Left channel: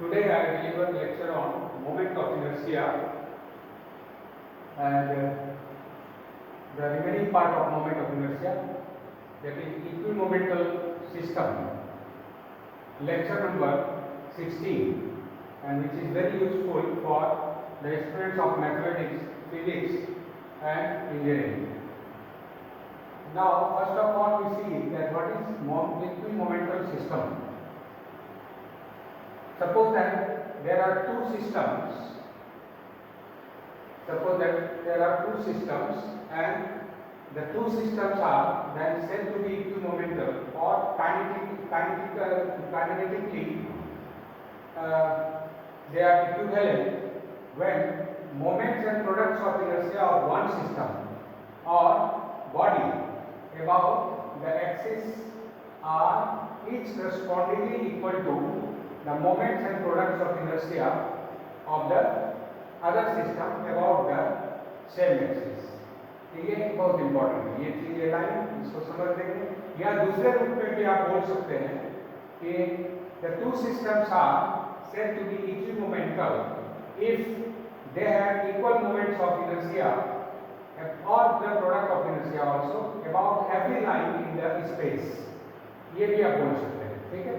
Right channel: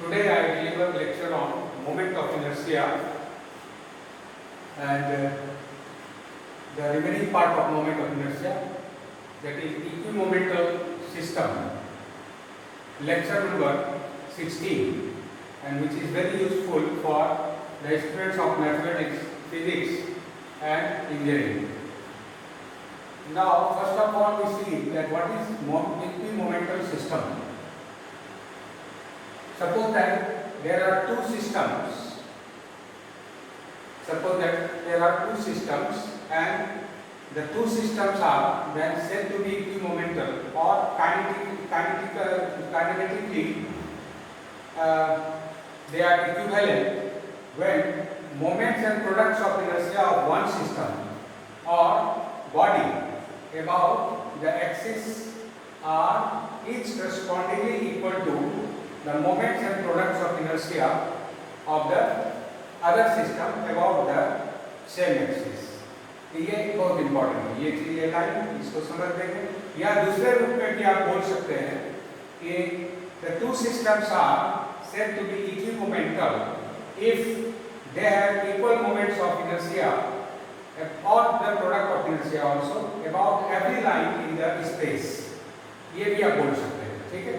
Today I deliver lecture on moment of inertia, and the remaining part of moment of inertia, that is equimomental system, lecture number 16, and which is very useful for the students of mathematics, physics and engineering. Now first of all we see that what is equimomental system. Suppose that there are two systems. And the two systems are then said to be equimomental or kinematically they are equivalent when moments and products of inertia of one system or body about the axis are each correspondingly equal to the moments and products of inertia of the other system about the same axis. ये बहुत important है, ये line इसको समझ देंगे, या दूसरे रूप में भी आप बोल सकते हैं कि the two systems are said to be equimomental if they have equal moments of inertia or the product of inertia also about every line in the space. ये भी आप बोल सकते हैं, ठीक है?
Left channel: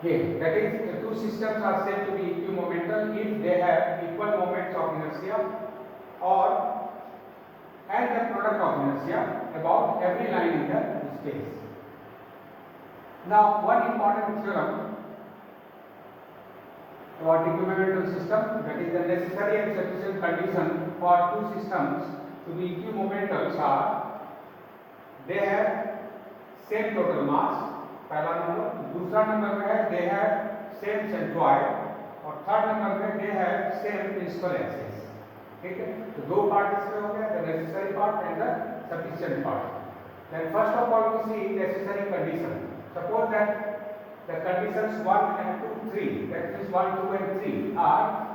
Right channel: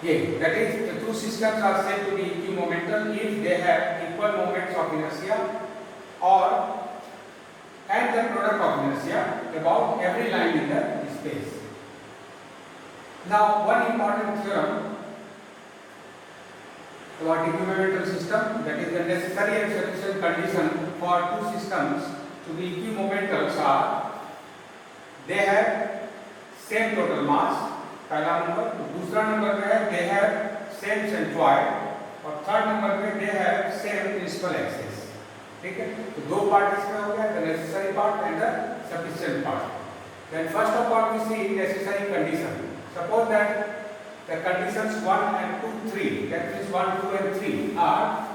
That is, the two systems are said to be equimomental if they have equal moments of inertia and the product of inertia about every line in the space. Now, one important theorem about equimomental system, that is the necessary and sufficient condition for two systems to be equimomental are they have same total mass, पहला number, दूसरा number में है they have same centroid और third number में they have same principal axis. ठीक है, तो दो पार्ट इसमें हो गया, the necessary part and the sufficient part. Then first of all we see necessary condition. Suppose that the conditions 1 and 2, 3, that means 1, 2 and 3 are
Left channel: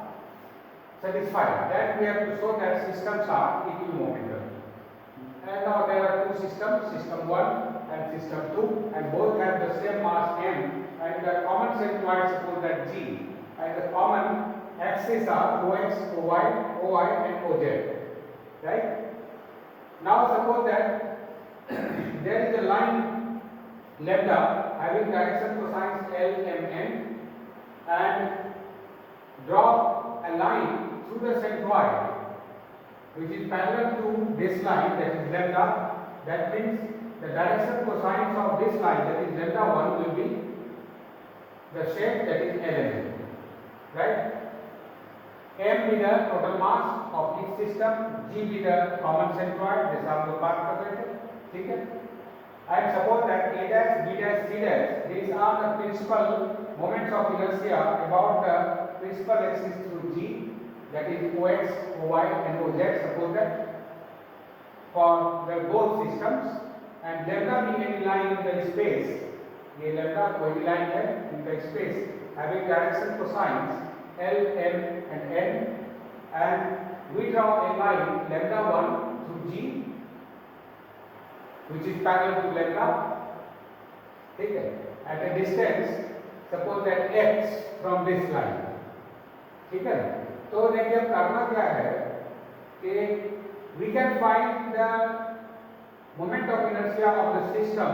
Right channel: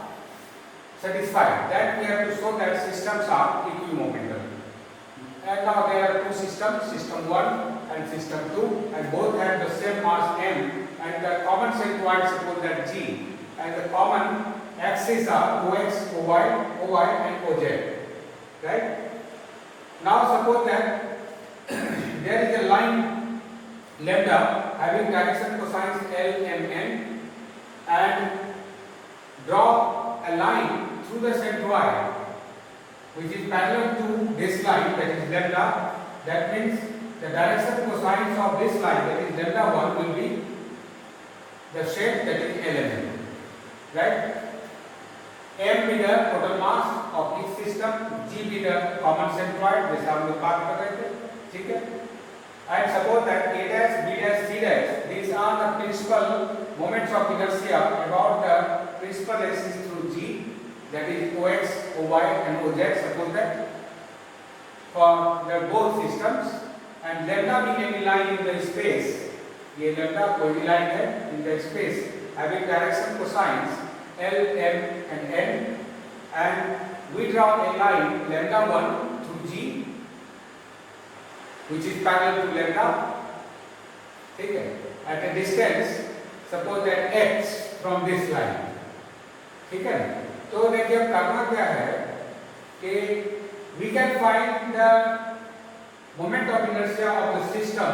satisfied. Then we have to show that systems are equimomental. And now there are two systems, system 1 and system 2, and both have the same mass m, and the common centroid suppose that G, and the common axes are OX, OY and OZ. Right? Now suppose that there is a line lambda having direction cosines L, M, N, and draw a line through the centroid which is parallel to this line, that is lambda. That means the direction cosines of this line, that is lambda 1, will be the shape that is LMN. Right? M be the total mass of each system, G be the common centroid, जैसे हम लोग बात कर रहे थे, ठीक है? And suppose that A dash, B dash, C dash, these are the principal moments of inertia about the principal axis through G, that is OX, OY and OZ. Suppose that for the both systems, and lambda being any line in the space, ये lambda कोई line है in the space having direction cosines L, M and N, and we draw a line lambda 1 through G which is parallel to lambda, ठीक है, at a distance suppose that x from this line, ठीक है? तो देखिए अब करना क्या है कि we can find the moment of inertia of the system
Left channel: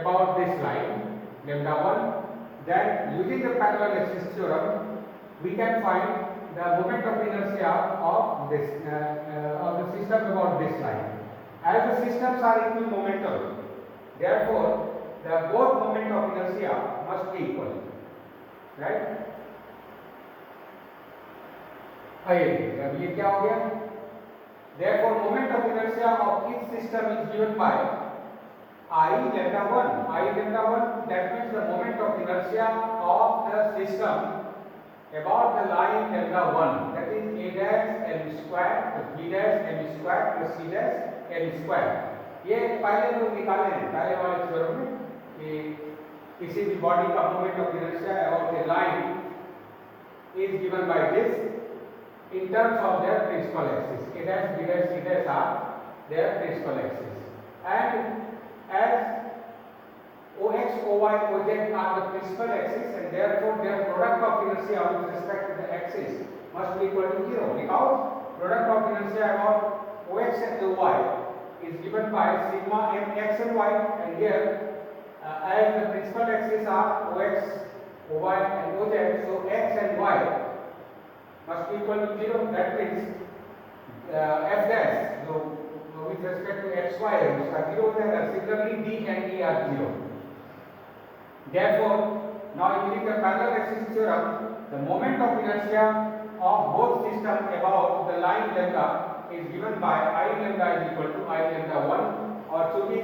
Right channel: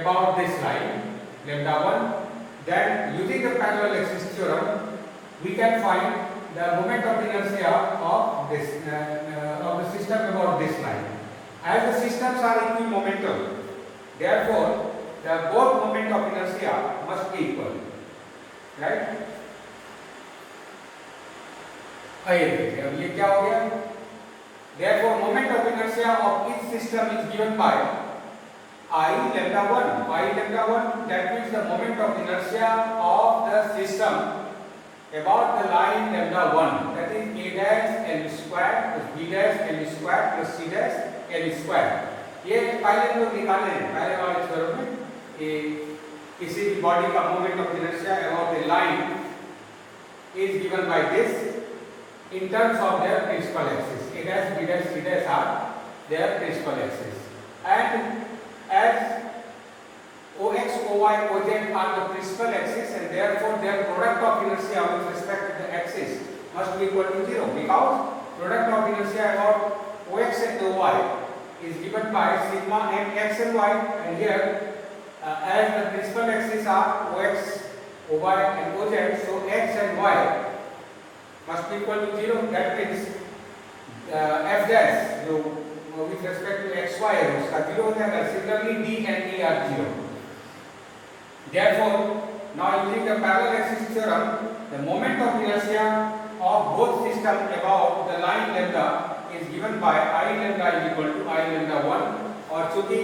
about this line lambda 1. Then using the parallel axis theorem we can find the moment of inertia of this of the system about this line. As the systems are equimomental, therefore the both moment of inertia must be equal. Right? आइए देखिए अब ये क्या हो गया. Therefore moment of inertia of each system is given by I lambda 1. That means the moment of inertia of the system about the line lambda 1, that is A dash L square plus B dash L square plus C dash L square. ये पहले लोग निकाले हैं पहले वाले theorem में कि किसी भी बॉडी का moment of inertia about the line is given by this in terms of their principal axis. A dash, B dash, C dash are their principal axis, and as OX, OY, OZ are the principal axis product of inertia with respect to the axis must be equal to 0, because product of inertia about OX and OY is given by sigma m x and y, and here as the principal axes are OX, OY and OZ, so x and y must be equal to 0. That means f dash जो with respect to xy है उसका 0 हो जाएगा. Similarly d and e are 0. Therefore, now using the parallel axis theorem, the moment of inertia of both systems about the line lambda is given by I lambda is equal to I lambda 1, और चूंकि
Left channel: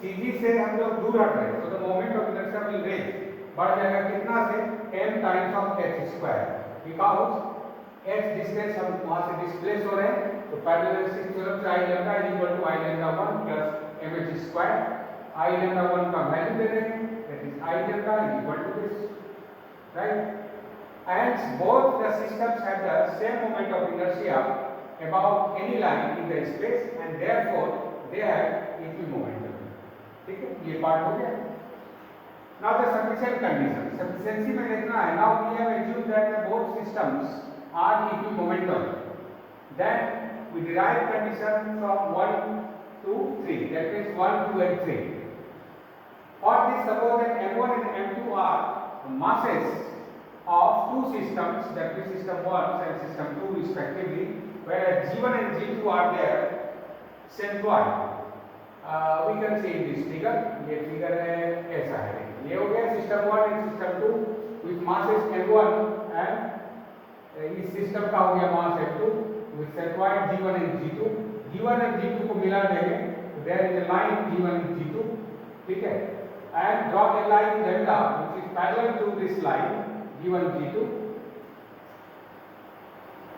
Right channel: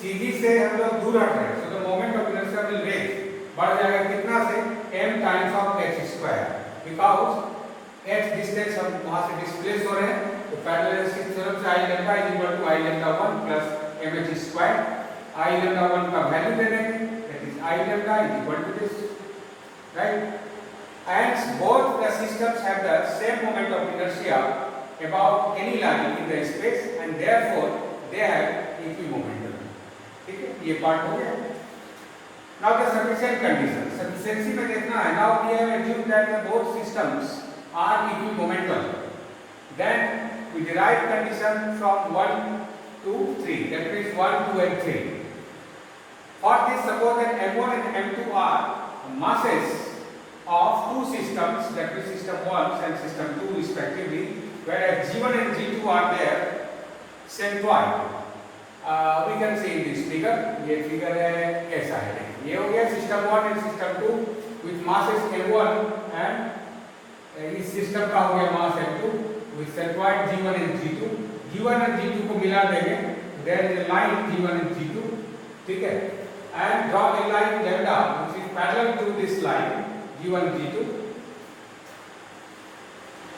CG से हम लोग दूर हट रहे हैं, so the moment of inertia will raise, बढ़ जाएगा कितना से m times of h square, because h distance हम वहाँ से डिस्प्लेस हो रहे हैं, तो पैरेलल एक्सिस थ्योरम से I lambda is equal to I lambda 1 plus mh square. I lambda 1 का वैल्यू दे देंगे, that is I lambda is equal to this, right? And both the systems have the same moment of inertia about any line in the space, and therefore they have equimomentum. ठीक है, ये part हो गया. Now the sufficient condition. Sufficiency में देखना है. Now we have assumed that the both systems are equimomental. Then we derive condition from 1 to 3. That means 1, 2 and 3. For this, suppose that M1 and M2 are masses of two systems, that is system 1 and system 2 respectively, whereas G1 and G2 are there centroid. We can see in this figure. ये figure है ऐसा है. ये हो गया system 1 and system 2 with masses M1, and इस system का हो गया mass M2 with centroid G1 and G2. G1 and G2 को मिला देंगे. There is a line G1 and G2. ठीक है. And draw a line lambda which is parallel to this line G1 G2.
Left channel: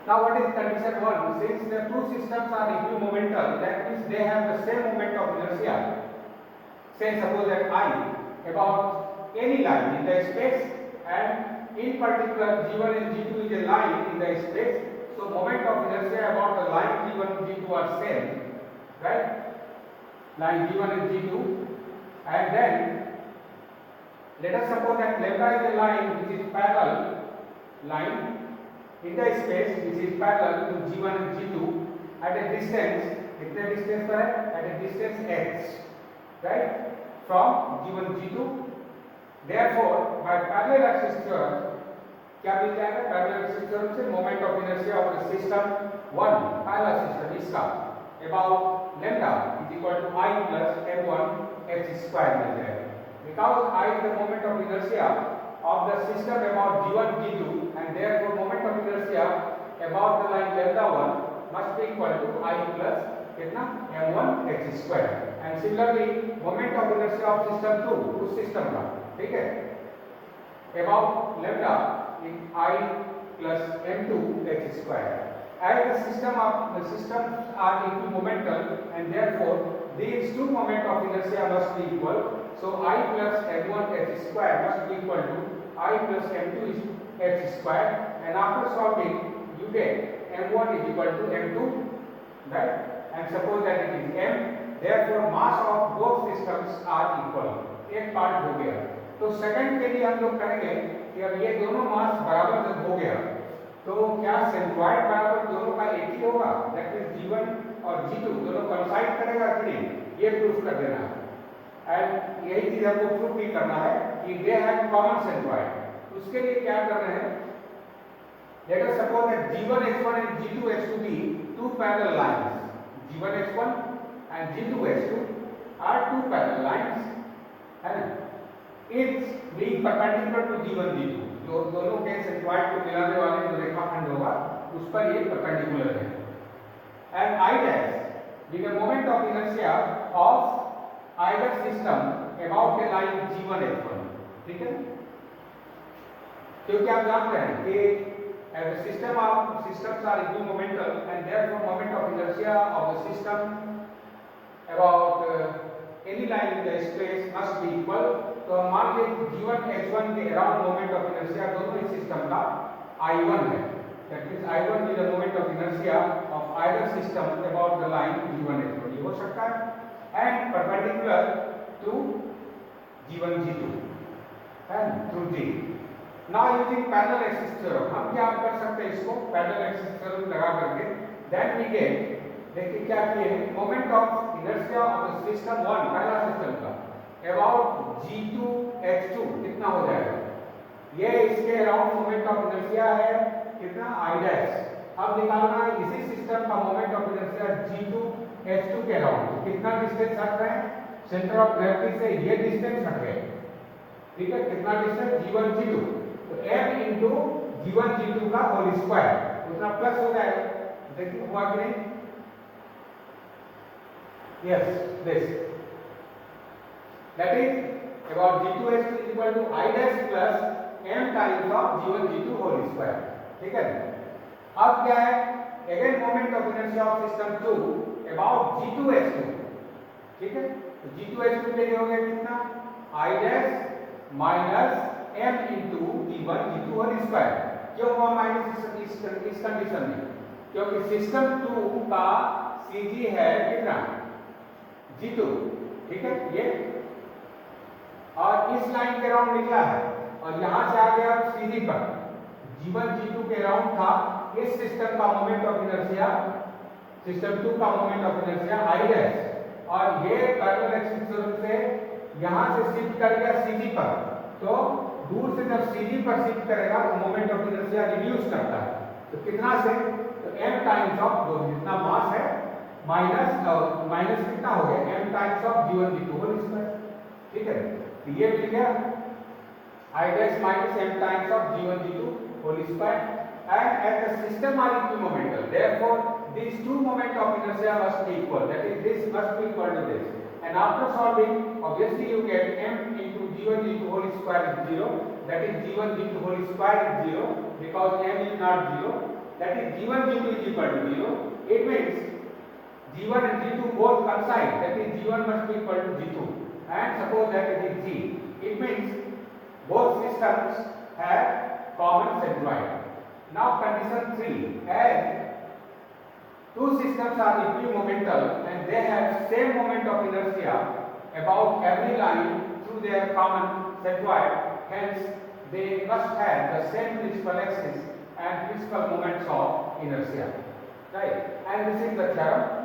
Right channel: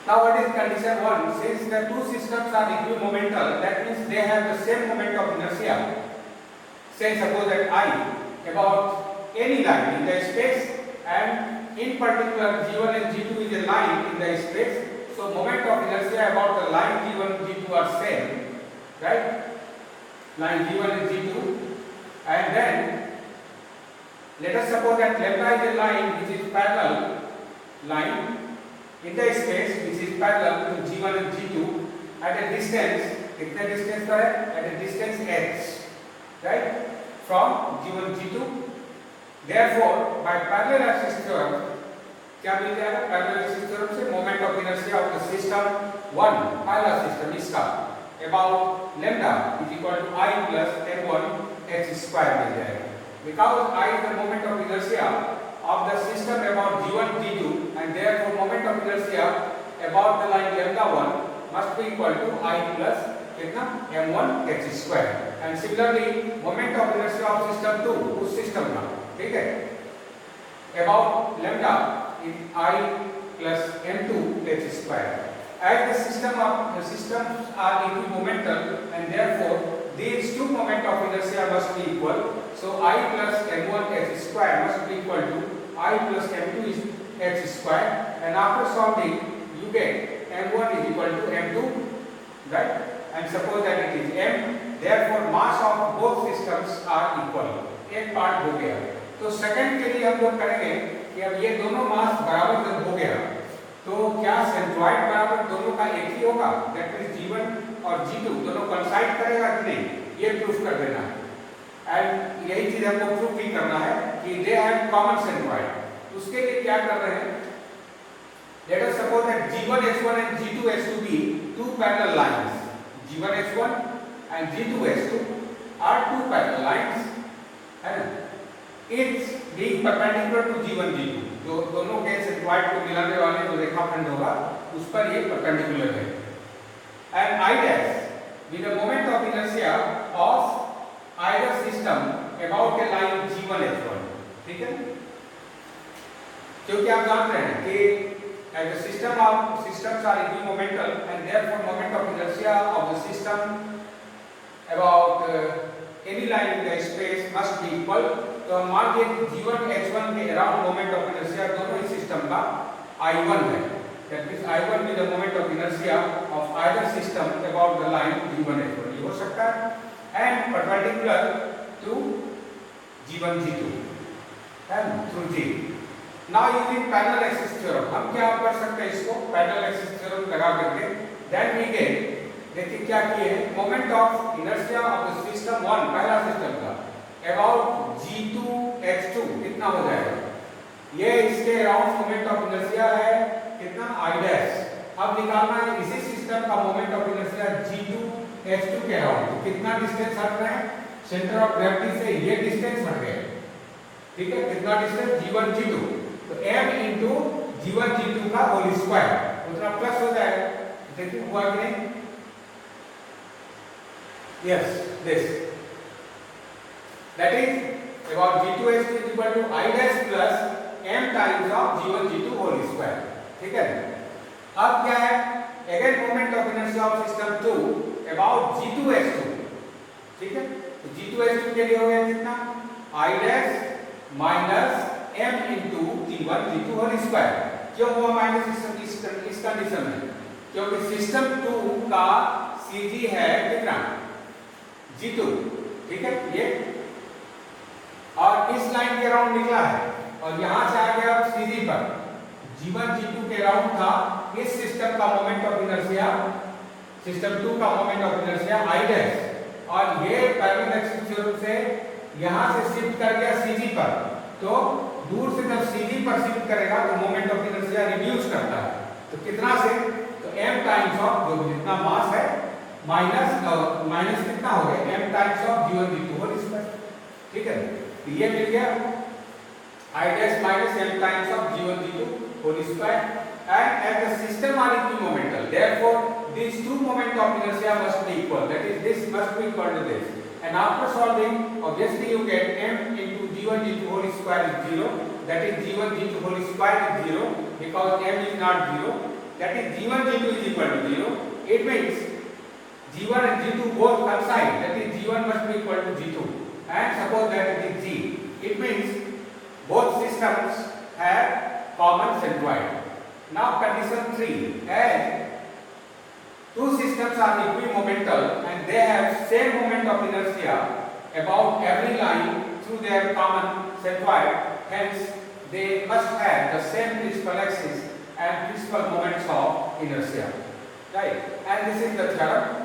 Now what is condition 1? Since the two systems are equimomental, that means they have the same moment of inertia. Say suppose that I about any line in the space, and in particular G1 and G2 is a line in the space, so moment of inertia about the line G1 and G2 are same, right? Line G1 and G2, and then let us suppose that lambda is a line which is parallel line in the space which is parallel to G1 and G2 at a distance, कितने distance पर है? At a distance h, right? From G1 G2. Therefore, by parallel axis theorem, क्या मिल जाएगा? Parallel axis theorem से moment of inertia of the system 1, पहला system इसका about lambda is equal to I plus m1 h square मिल जाएगा. Because I is the moment of inertia of the system about G1 G2, and therefore moment of inertia about the line lambda 1 must be equal to I plus कितना m1 h square. And similarly moment of inertia of system 2 उस system का, ठीक है, about lambda is I plus m2 h square. As the systems are equimomental, and therefore these two moment of inertia must be equal. So I plus m1 h square must be equal to I plus m2 h square, and after solving you get m1 is equal to m2, right? And suppose that it is m, therefore mass of both systems are equal. एक part हो गया. तो second के लिए हम लोग करेंगे कि अब ये दोनों मास बराबर जब हो गया, तो क्या सेंट्रॉइड बराबर दोनों का एक ही होगा? दैट मींस G1 और G2 दोनों कोइंसाइड करेगा कि नहीं, ये प्रूफ कर देना है. एंड यही चीज हमको प्रूफ भी करना है कि दे हैव कॉमन सेंट्रॉइड. उसके लिए क्या कर रहे हैं? Let us suppose that G1 H1 and G2 H2 be two parallel lines. G1 H1 and G2 H2 are two parallel lines, and it's being perpendicular to G1 G2. जो दोनों के centroid को मिलाने वाले जो रेखाखंड होगा उस पर ये परपेंडिकुलर है. And I dash with the moment of inertia of either system about a line G1 H1. ठीक है, क्योंकि आप जानते हैं कि as the systems are equimomental, and therefore moment of inertia of the system about any line in the space must be equal. तो हम मान लीजिए G1 H1 के अराउंड मोमेंट ऑफ इनर्शिया दोनों ही सिस्टम का I1 है. That means I1 with the moment of inertia of either system about the line G1 H1 ये हो सकता है, and perpendicular to G1 G2 and through G. Now using parallel axis theorem हम क्या कर सकते हैं इसको पैरेलल एक्सिस थ्योरम लगा करके देन वी गेट देखिए क्या किए हैं moment of inertia of the system 1 पहला सिस्टम का अबाउट g2 x2 कितना हो जाएगा ये इसके अराउंड मोमेंट ऑफ इनर्शिया है कितना i डैश अब निकालना है इसी सिस्टम का moment of inertia g2 x2 के अराउंड तो कितना डिस्टेंस हट रहे हैं सेंटर ऑफ ग्रेविटी से ये डिस्टेंस हट गए ठीक है कितना डिस्टेंस g1 g2 तो m into g1 g2 का होल स्क्वायर उतना प्लस हो जाएगा देखिए हुआ कि नहीं yes this that is about g2 x2 is equal to I dash plus m times of g1 g2 whole square ठीक है अब क्या है again moment of inertia of system 2 about g2 x2 ठीक है तो g2 x2 के लिए हो गया कितना I dash minus m into g1 g2 whole square क्यों हुआ माइनस इस कंडीशन में क्योंकि सिस्टम 2 का cg है कितना g2 ठीक है ये और इस लाइन के अराउंड निकला है और यहां से आ गया cg पर g1 g2 के अराउंड था इस सिस्टम का मोमेंट ऑफ इनर्शिया सिस्टम 2 का moment of inertia I dash और ये पैरेलल एक्सिस थ्योरम से यहां से शिफ्ट कर गया cg पर तो दूर से जब cg पर शिफ्ट करेगा तो मोमेंट ऑफ इनर्शिया रिड्यूस करता है तो कितना से तो m टाइम्स ऑफ जो जितना मास है माइनस कितना हो गया m times of g1 g2 whole square ठीक है तो ये मिल गया I dash minus m times of g1 g2 whole square and as the system are equimomental therefore these two moment of inertia must be equal that is this must be equal to this and after solving obviously you get m into g1 g2 whole square is 0 that is g1 g2 whole square is 0 because m is not 0 that is g1 g2 is equal to 0 it means g1 and g2 both coincide that is g1 must be equal to g2 and suppose that it is g it means both systems have common centroid now condition 3 as two systems are equimomental and they have same moment of inertia about every line through their common centroid hence they must have the same principal axis and principal moments of inertia right and this is the theorem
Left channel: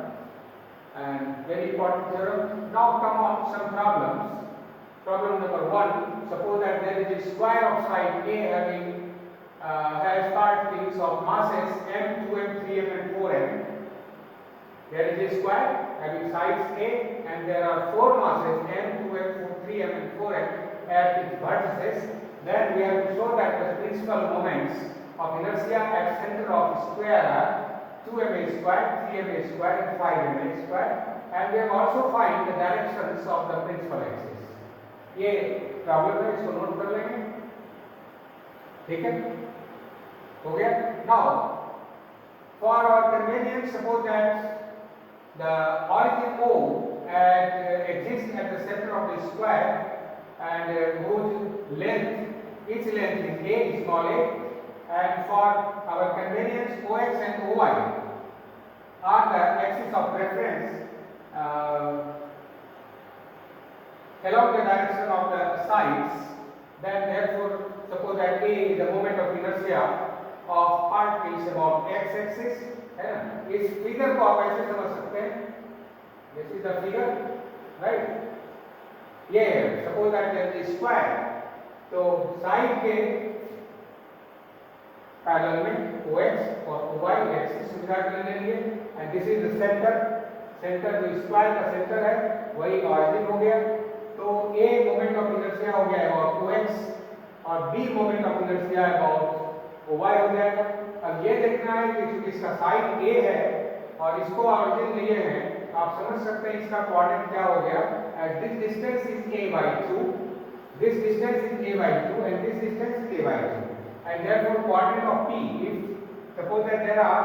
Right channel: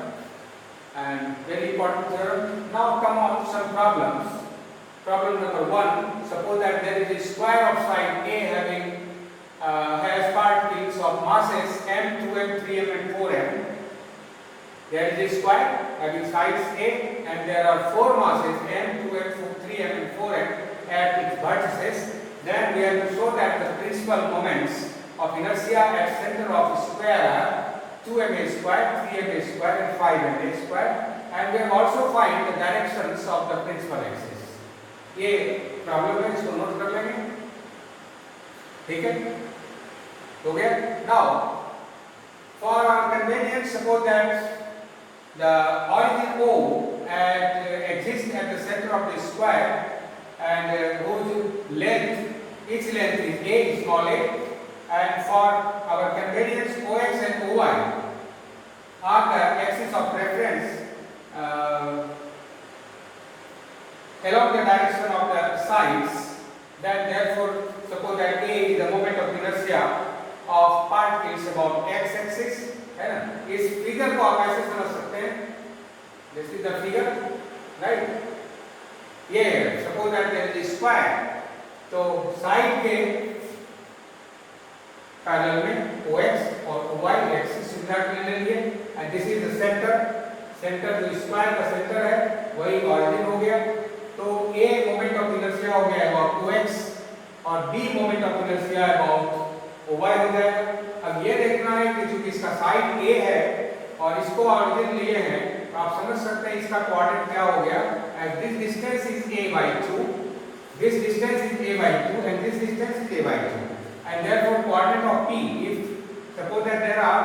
and very important theorem now come on some problems problem number 1 suppose that there is a square of side A having has particles of masses m 2m 3m and 4m there is a square having sides A and there are four masses m 2m 3m and 4m at its vertices then we have to show that the principal moments of inertia at center of square are 2ma square 3ma square and 5ma square and we have also find the directions of the principal axis ये problem है इसको note कर लेंगे ठीक है हो गया now for our convenience suppose that the origin O exists at the center of the square and whose length each length is a small a and for our convenience OX and OY are the axis of reference along the direction of the sides then therefore suppose that A is the moment of inertia of particles about x axis है ना इस figure को आप ऐसे समझ सकते हैं this is the figure right ये suppose that there is a square तो साइड के पैरेलल में OX और OY एक्सिस सुविधा के लिए and this is the centre जो स्क्वायर का सेंटर है वही ऑरिजिन हो गया तो A मोमेंट ऑफ इनर्शिया हो गया अबाउट OX और B moment of inertia about OY हो जाएगा अब ये देखना है कि चूंकि इसका साइड A है और इसको ऑरिजिन लिए हैं आप समझ सकते हैं इसका कोऑर्डिनेट क्या हो गया as this distance is a by 2 this distance is a by 2 and this distance is a by 2 and therefore coordinate of P if suppose that there are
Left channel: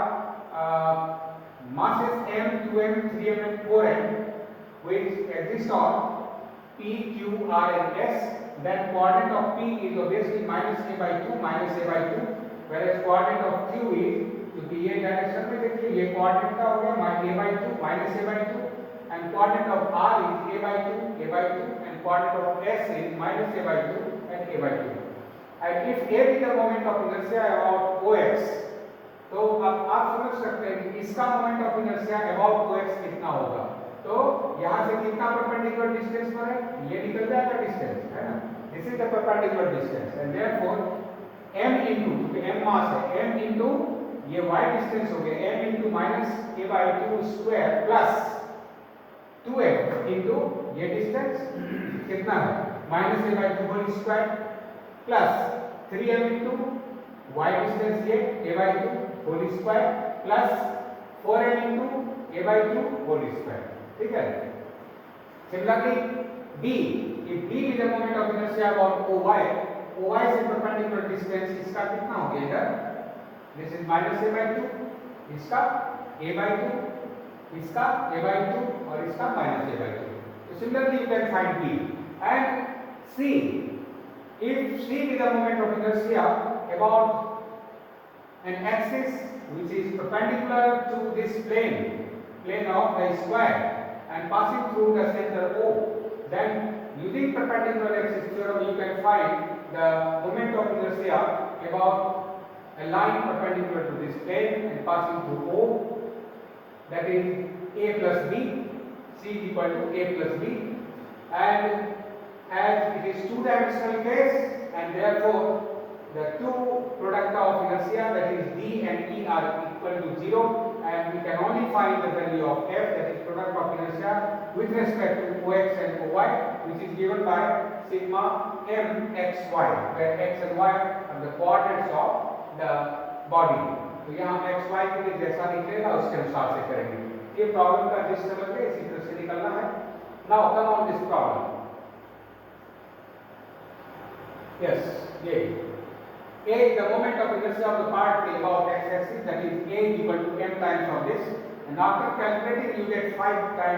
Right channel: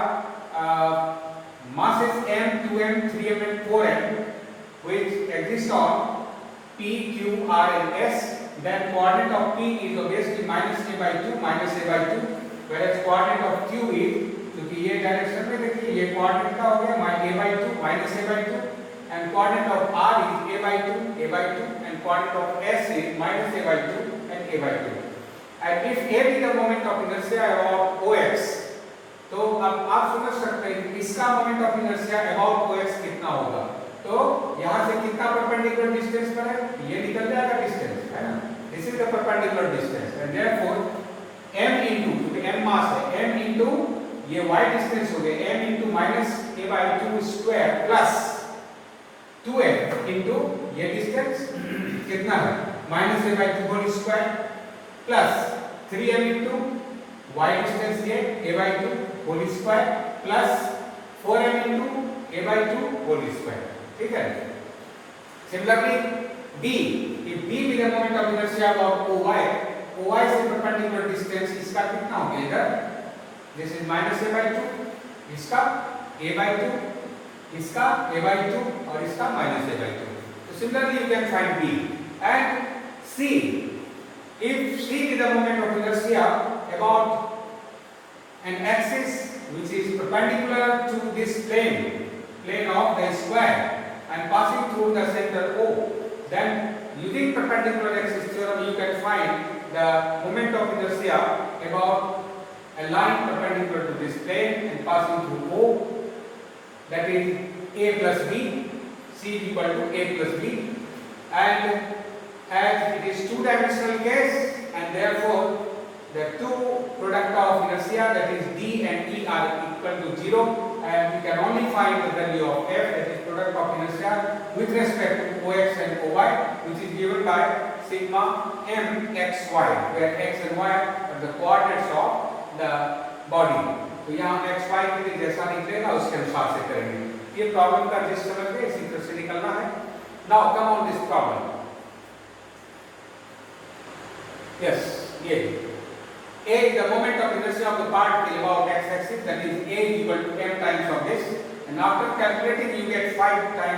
masses m 2m 3m and 4m which exist on P, Q, R and S then coordinate of P is obviously minus a by 2 whereas coordinate of Q is क्योंकि ये direction में देखिए ये coordinate का हो गया a by 2 minus a by 2 and coordinate of R is a by 2 and coordinate of S is minus a by 2 and a by 2 and if A be the moment of inertia about OX, तो अब आप समझ सकते हैं कि इसका moment of inertia about OX कितना होगा। तो यहाँ से कितना परपेंडिकुलर डिस्टेंस पर है, ये निकल जाएगा डिस्टेंस, है ना। This is the perpendicular distance and therefore m into, क्योंकि m मास है, m इनटू ये y डिस्टेंस हो गया, m into minus a/2 square plus 2m into ये डिस्टेंस कितना है minus a/2 whole square plus 3m into y distance ये a/2 whole square plus 4m into a/2 whole square, ठीक है। Similarly b, if b be the moment of inertia about OY से perpendicular distance इसका कितना हो गया इधर, this is minus a/2, इसका a/2, इसका a/2 और इसका माइनस a/2। तो similarly you can find b and c, if c be the moment of inertia about an axis which is perpendicular to this plane of the square and passing through the center O, then using perpendicular axis theorem you can find the moment of inertia about a line perpendicular to this plane and passing through O, that is A plus B, C is equal to A plus B, and as it is two-dimensional case and therefore the two product of inertia, that is D and E, are equal to 0, and we can only find the value of F, that is product of inertia with respect to OX and OY, which is given by sigma m x y, where x and y are the coordinates of the body। तो यहाँ x y के लिए जैसा निकलेगा उसके अनुसार से करेंगे। ये प्रॉब्लम का जिस समझ में इसी तरह से निकलना है। Now come on this problem। Yes, ये A is the moment of inertia of the particle about x-axis, that is A is equal to m times of this, and after calculating you get 5 by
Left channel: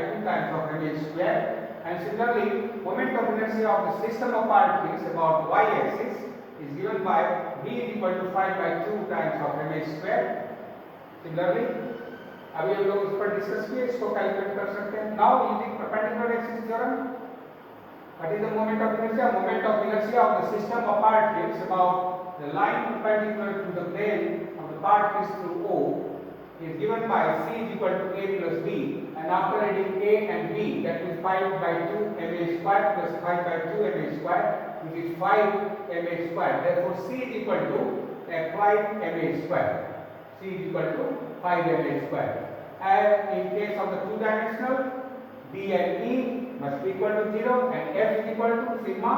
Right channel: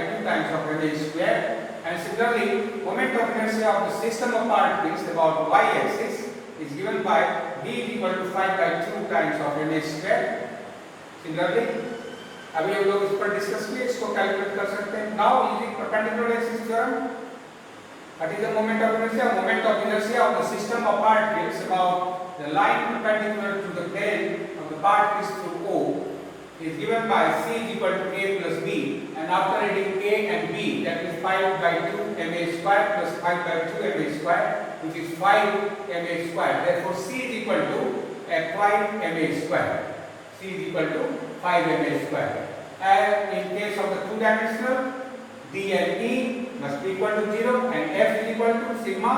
2 times of m square, and similarly moment of inertia of the system of particles about y-axis is given by B is equal to 5 by 2 times of m square। Similarly अभी हम लोग इस पर discuss किए, इसको calculate कर सकते हैं। Now using perpendicular axis theorem, what is the moment of inertia? Moment of inertia of the system of particles about the line perpendicular to the plane of the particles through O is given by C is equal to A plus B, and after adding A and B, that is 5 by 2 ma square plus 5 by 2 ma square, which is 5 ma square. Therefore C is equal to 5 ma square. C is equal to 5 ma square. And in case of the two-dimensional, D and E must be equal to 0 and F is equal to sigma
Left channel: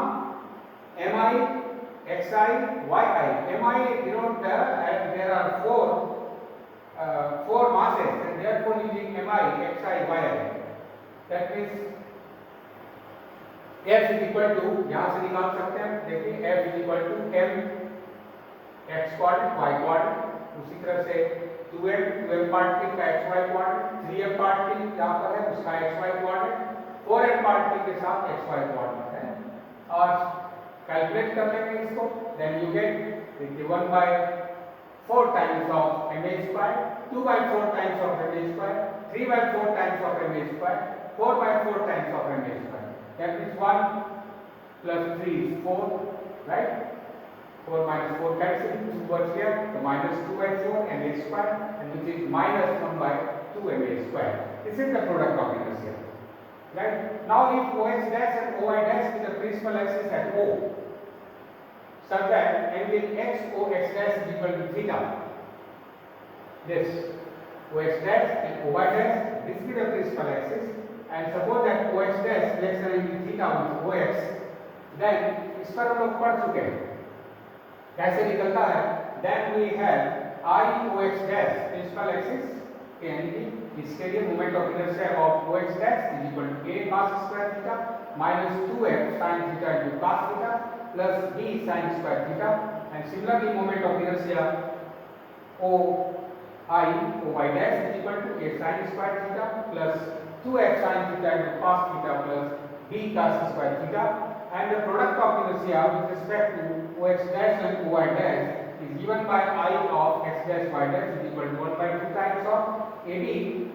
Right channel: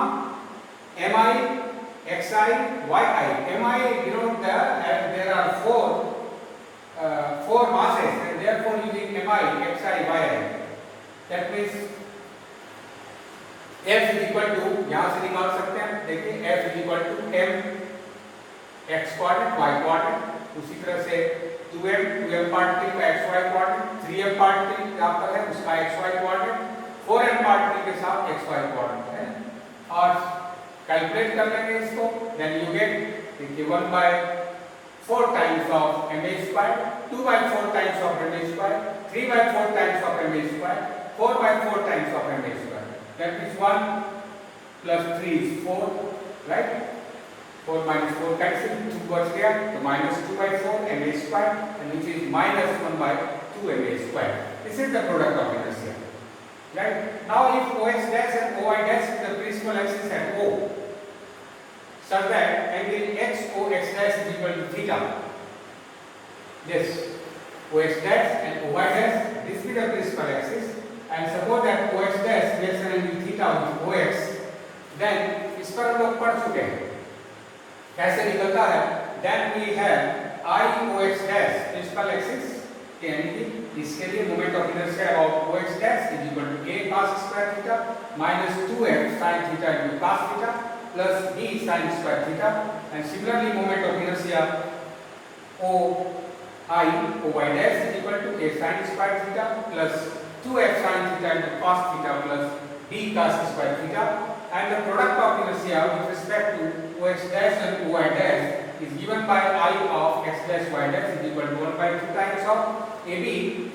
mi xi yi. Mi denote there are four masses and therefore using mi xi yi, that means F is equal to, यहाँ से निकाल सकते हैं, देखिए F is equal to m x coordinate y coordinate, उसी तरह से 2m particle का xy कोऑर्डिनेट, 3m पार्टिकल यहाँ पर है उसका xy कोऑर्डिनेट, 4m पार्टिकल के साथ xy कोऑर्डिनेट है, और कैलकुलेट कर लेंगे इसको, then you get देखिए 1 by 4 times of ma square, 2 by 4 times of ma square, 3 by 4 times of ma square, 4 by 4 times of ma square, that means 1 plus 3 is 4, right? 4 minus 4 cancel, 2 goes here, so minus 2 by 4 ma square, and which is minus 1 by 2 ma square. This is the product of inertia, right? Now if OX dash and OY dash is the principal axis at O, such that angle XOX dash is equal to theta, this OX dash and OY dash, this be the principal axis, and suppose that OX dash reaction angle theta with OX, then इस पर हम लोग पढ़ चुके हैं कैसे निकलता है। Then we have IOX dash principal axis, यानी कि इसके लिए moment of inertia about OX dash is equal to A cos square theta minus 2F sin theta into cos theta plus B sin square theta, and similarly moment of inertia OI dash is equal to A sin square theta plus 2F sin theta into cos theta plus B cos square theta, and the product of inertia with respect to OX dash and OY dash is given by I of x dash y dash is equal to 1 by 2 times of AB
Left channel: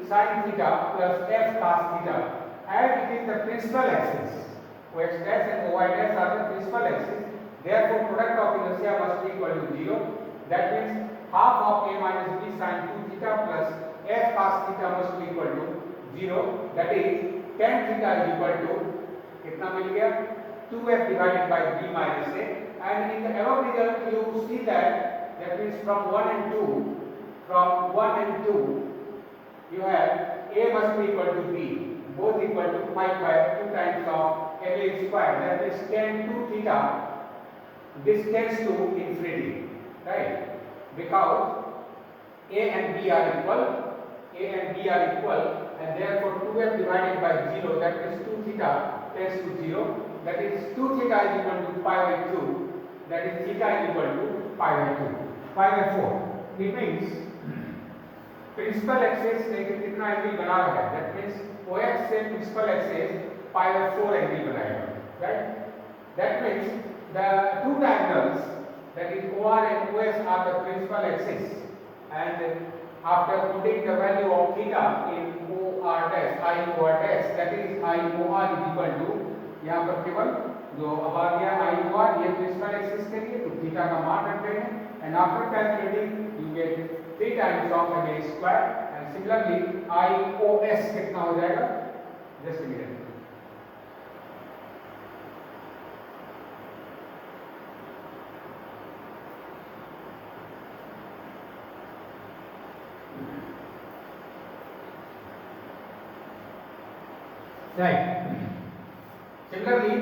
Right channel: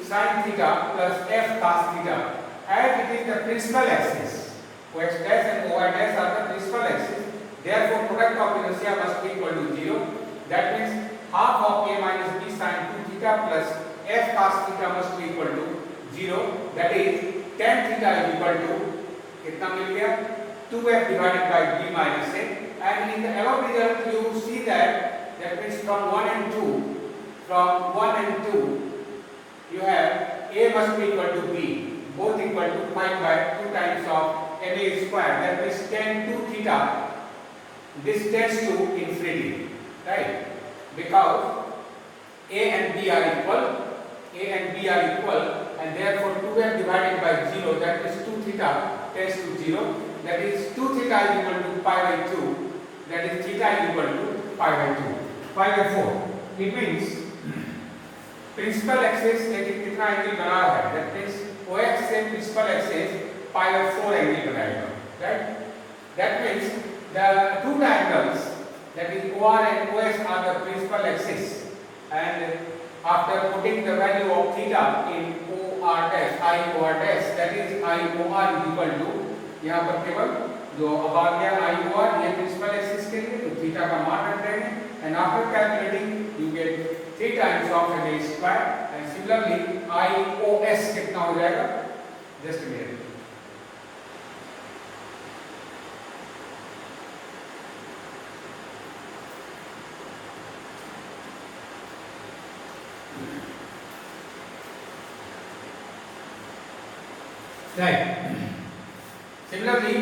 sin theta plus F cos theta, as it is the principal axis. OX dash and OY dash are the principal axis. Therefore, product of inertia must be equal to 0. That means half of a minus b sin 2 theta plus f cos theta must be equal to 0. That is tan theta is equal to कितना मिल गया 2f divided by b minus a. And in the above result you see that means from 1 and 2 you have a must be equal to b, both equal to 5 by 2 times of ma square. That means tan 2 theta, this tends to infinity, right? Because a and b are equal, and therefore 2f divided by 0, that is 2 theta tends to 0. That is 2 theta is equal to pi by 2. That is theta is equal to pi by 2, pi by 4. It means principal axis लेकिन कितना angle बना रहा है, that means OX से principal axis pi by 4 angle बनाएगा, right? That means the two triangles, that is OR and OS are the principal axis, and after putting the value of theta in OR dash, IOR dash, that is IOR is equal to, यहाँ पर केवल जो अब आ गया IOR, ये principal axis के लिए तो थीटा का मान रख रहे हैं, and after calculating you get 3 times of ma square, and similarly IOS कितना हो जाएगा, just a minute. Right. Similarly,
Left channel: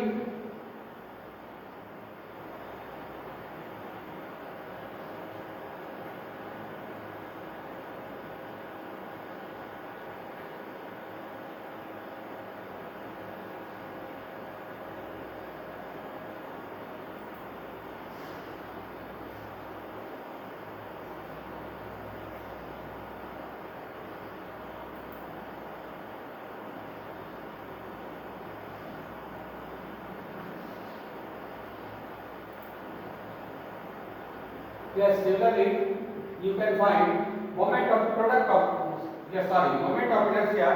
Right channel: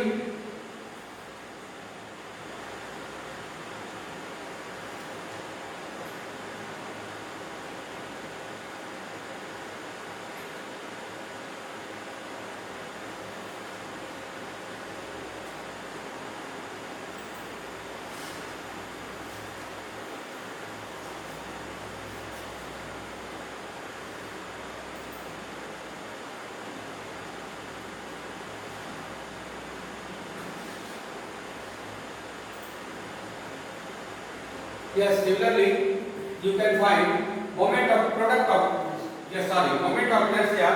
yes, similarly you can find moment of inertia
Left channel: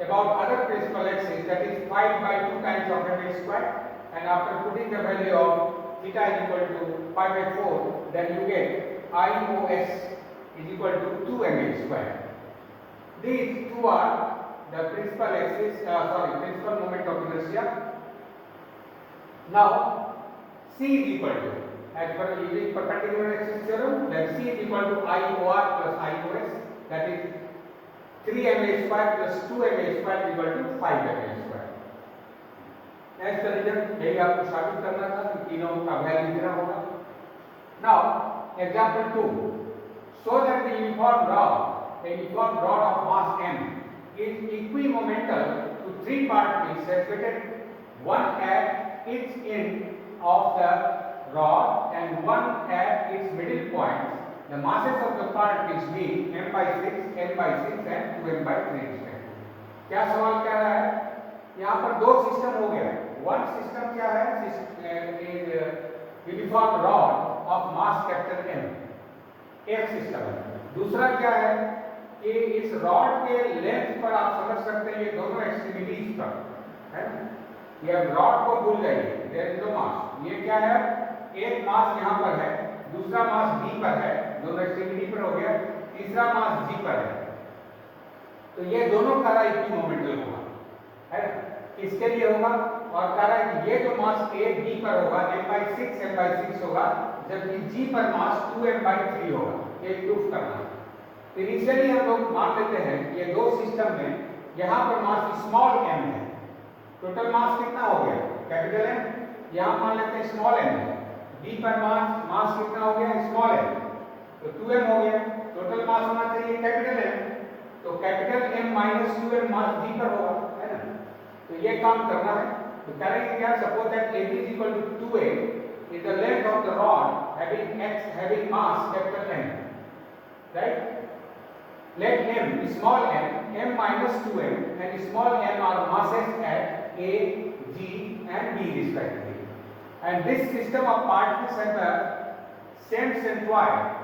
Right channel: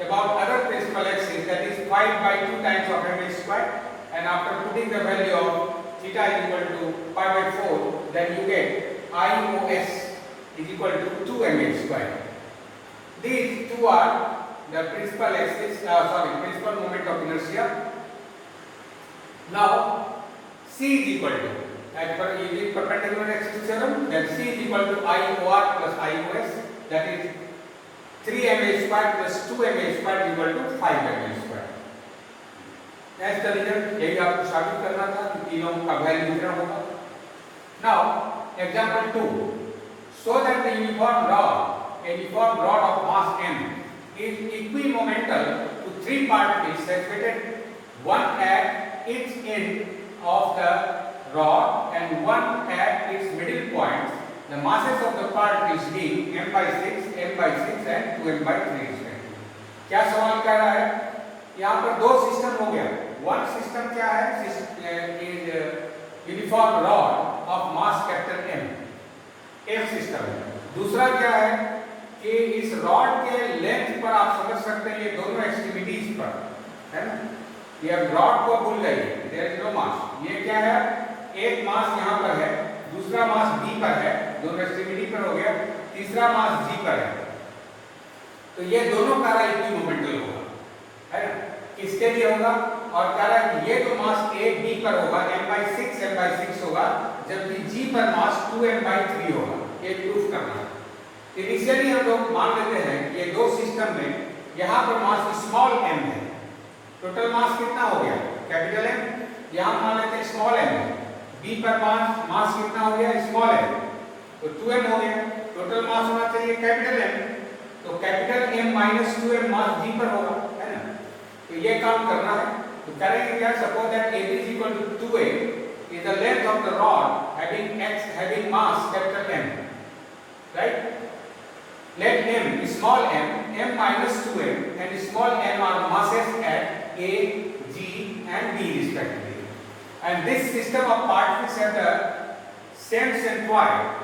about other principal axis, that is 5 by 2 times of ma square, and after putting the value of theta is equal to pi by 4, then you get IOS is equal to 2 ma square. These two are the principal axis, principal moment of inertia. Now C is equal to, as per using perpendicular axis theorem, then C is equal to IOR plus IOS, that is 3 ma square plus 2 ma square equal to 5 ma square. As the result, यही आपको साबित करना था कि तीनों का value इतना होगा. Now example 2, show that the uniform rod of mass m is equimomental to 3 particles situated, one at each end of the rod and one at its middle point. The masses of the particles being m by 6, m by 6 and 2m by 3 respectively. क्या सवाल कर रहा है? यहाँ पर दो system हो गया. वन सिस्टम क्या है? Uniform rod of mass capital M, एक सिस्टम है. दूसरा क्या है कि इस रॉड के लेंथ पर आप समझ सकते हैं ये दोनों एक्सट्रीमिटीज पर है ना. ये रॉड को भूल जाइए, देयर इज नो मास. ये क्या है? एक मास यहाँ पर है, दूसरा मास B पर है, दोनों एक्सट्रीमिटी पर हो गया, तीसरा मास G पर है. तो ये दोनों का इक्विमोमेंटल होगा, है ना. किसके लिए होगा? और कह रहा है कि ये जो मास A B पर होगा m by 6 होगा, जबकि G पर मास 2m by 3 होगा. ये प्रूफ करना है. इनिशियली हम लोग मान लेते हैं कि ये दो सिस्टम में यहाँ पर मास स्मॉल m है. टोटल मास कितना हो गया? Capital M. यहाँ मान लेते हैं स्मॉल m है. B पर मास कितना हो गया? Small m. तो 2m हो गया. टोटल मास होना चाहिए कैपिटल M. तो कैपिटल M माइनस 2m मास G पर होगा, है ना. तो ये काम करना है. तो करेंगे क्या? Suppose that AB is equal to 2a is the length of the rod having mass capital M, right? Let m small m minus 2m and small m are masses at A, G and B respectively. And this system of particles have the same centroid.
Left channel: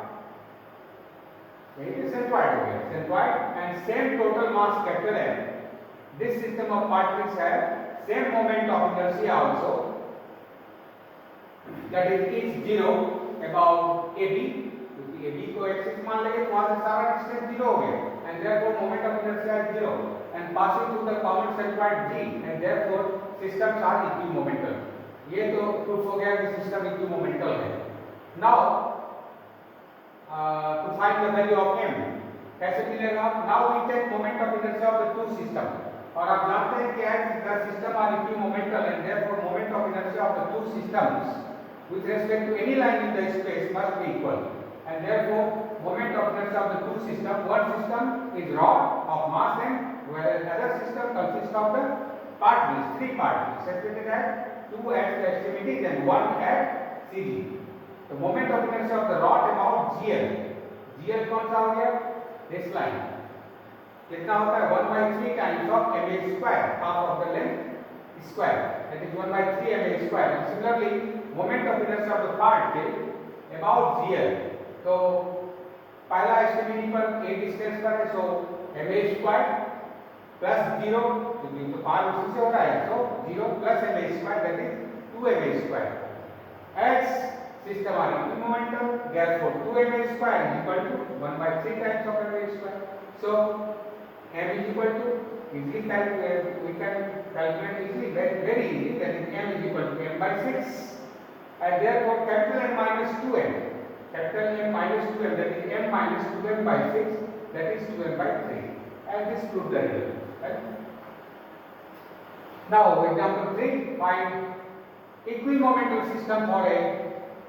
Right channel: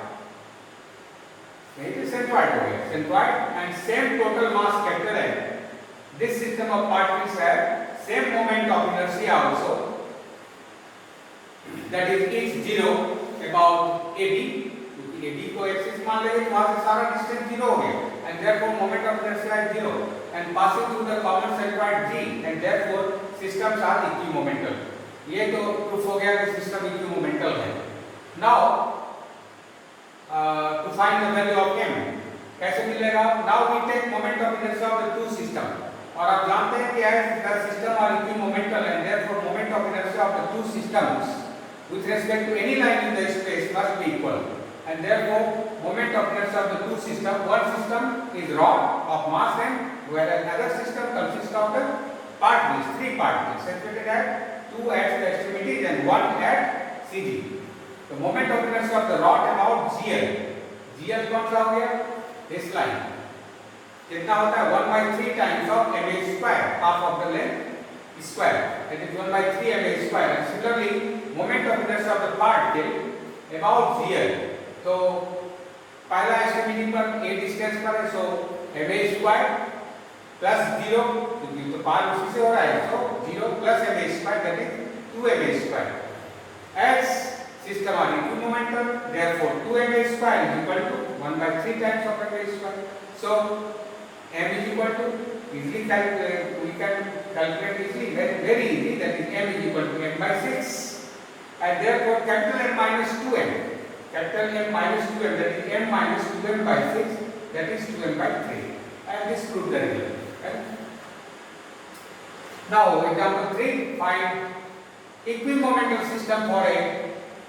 Centroid and same total mass capital M. This system of particles have same moment of inertia also. that is each 0 about AB, क्योंकि AB को axis मान लेंगे तो वहां से सारा distance 0 हो गया, and therefore moment of inertia is 0 and passing through the common centroid G, and therefore systems are equimomental. ये तो प्रूफ हो गया कि सिस्टम इक्विमोमेंटल है. Now to find the value of m, कैसे मिलेगा? Now we take moment of inertia of the two system, और आप जानते हैं कि as the system are equimomental and therefore moment of inertia of the two systems with respect to any line in the space must be equal, and therefore moment of inertia of the two system, one system is rod of mass m, whereas another system consists of the particles, three particles separated at two at the extremities and one at CG. The moment of inertia of the rod about GL, GL कौन सा हो गया? This line कितना होता है? 1/3 times of ma square, half of the length square, that is 1/3 ma square. And similarly, moment of inertia of the particle about GL, तो पहला extremity पर a डिस्टेंस पर है, so ma square plus 0, क्योंकि तो पार उसी से हो रहा है, so 0 plus ma square, that is 2ma square. As system are equimomental, therefore 2ma square is equal to 1/3 times of ma square. So m is equal to, easily calculate, we can calculate easily, very easy, that is m is equal to m/6, and therefore capital M minus 2m, capital M minus 2m, that is m minus 2m/6, that is 2m/3, and this proves the result. Right? Now example 3, find equimomental system for a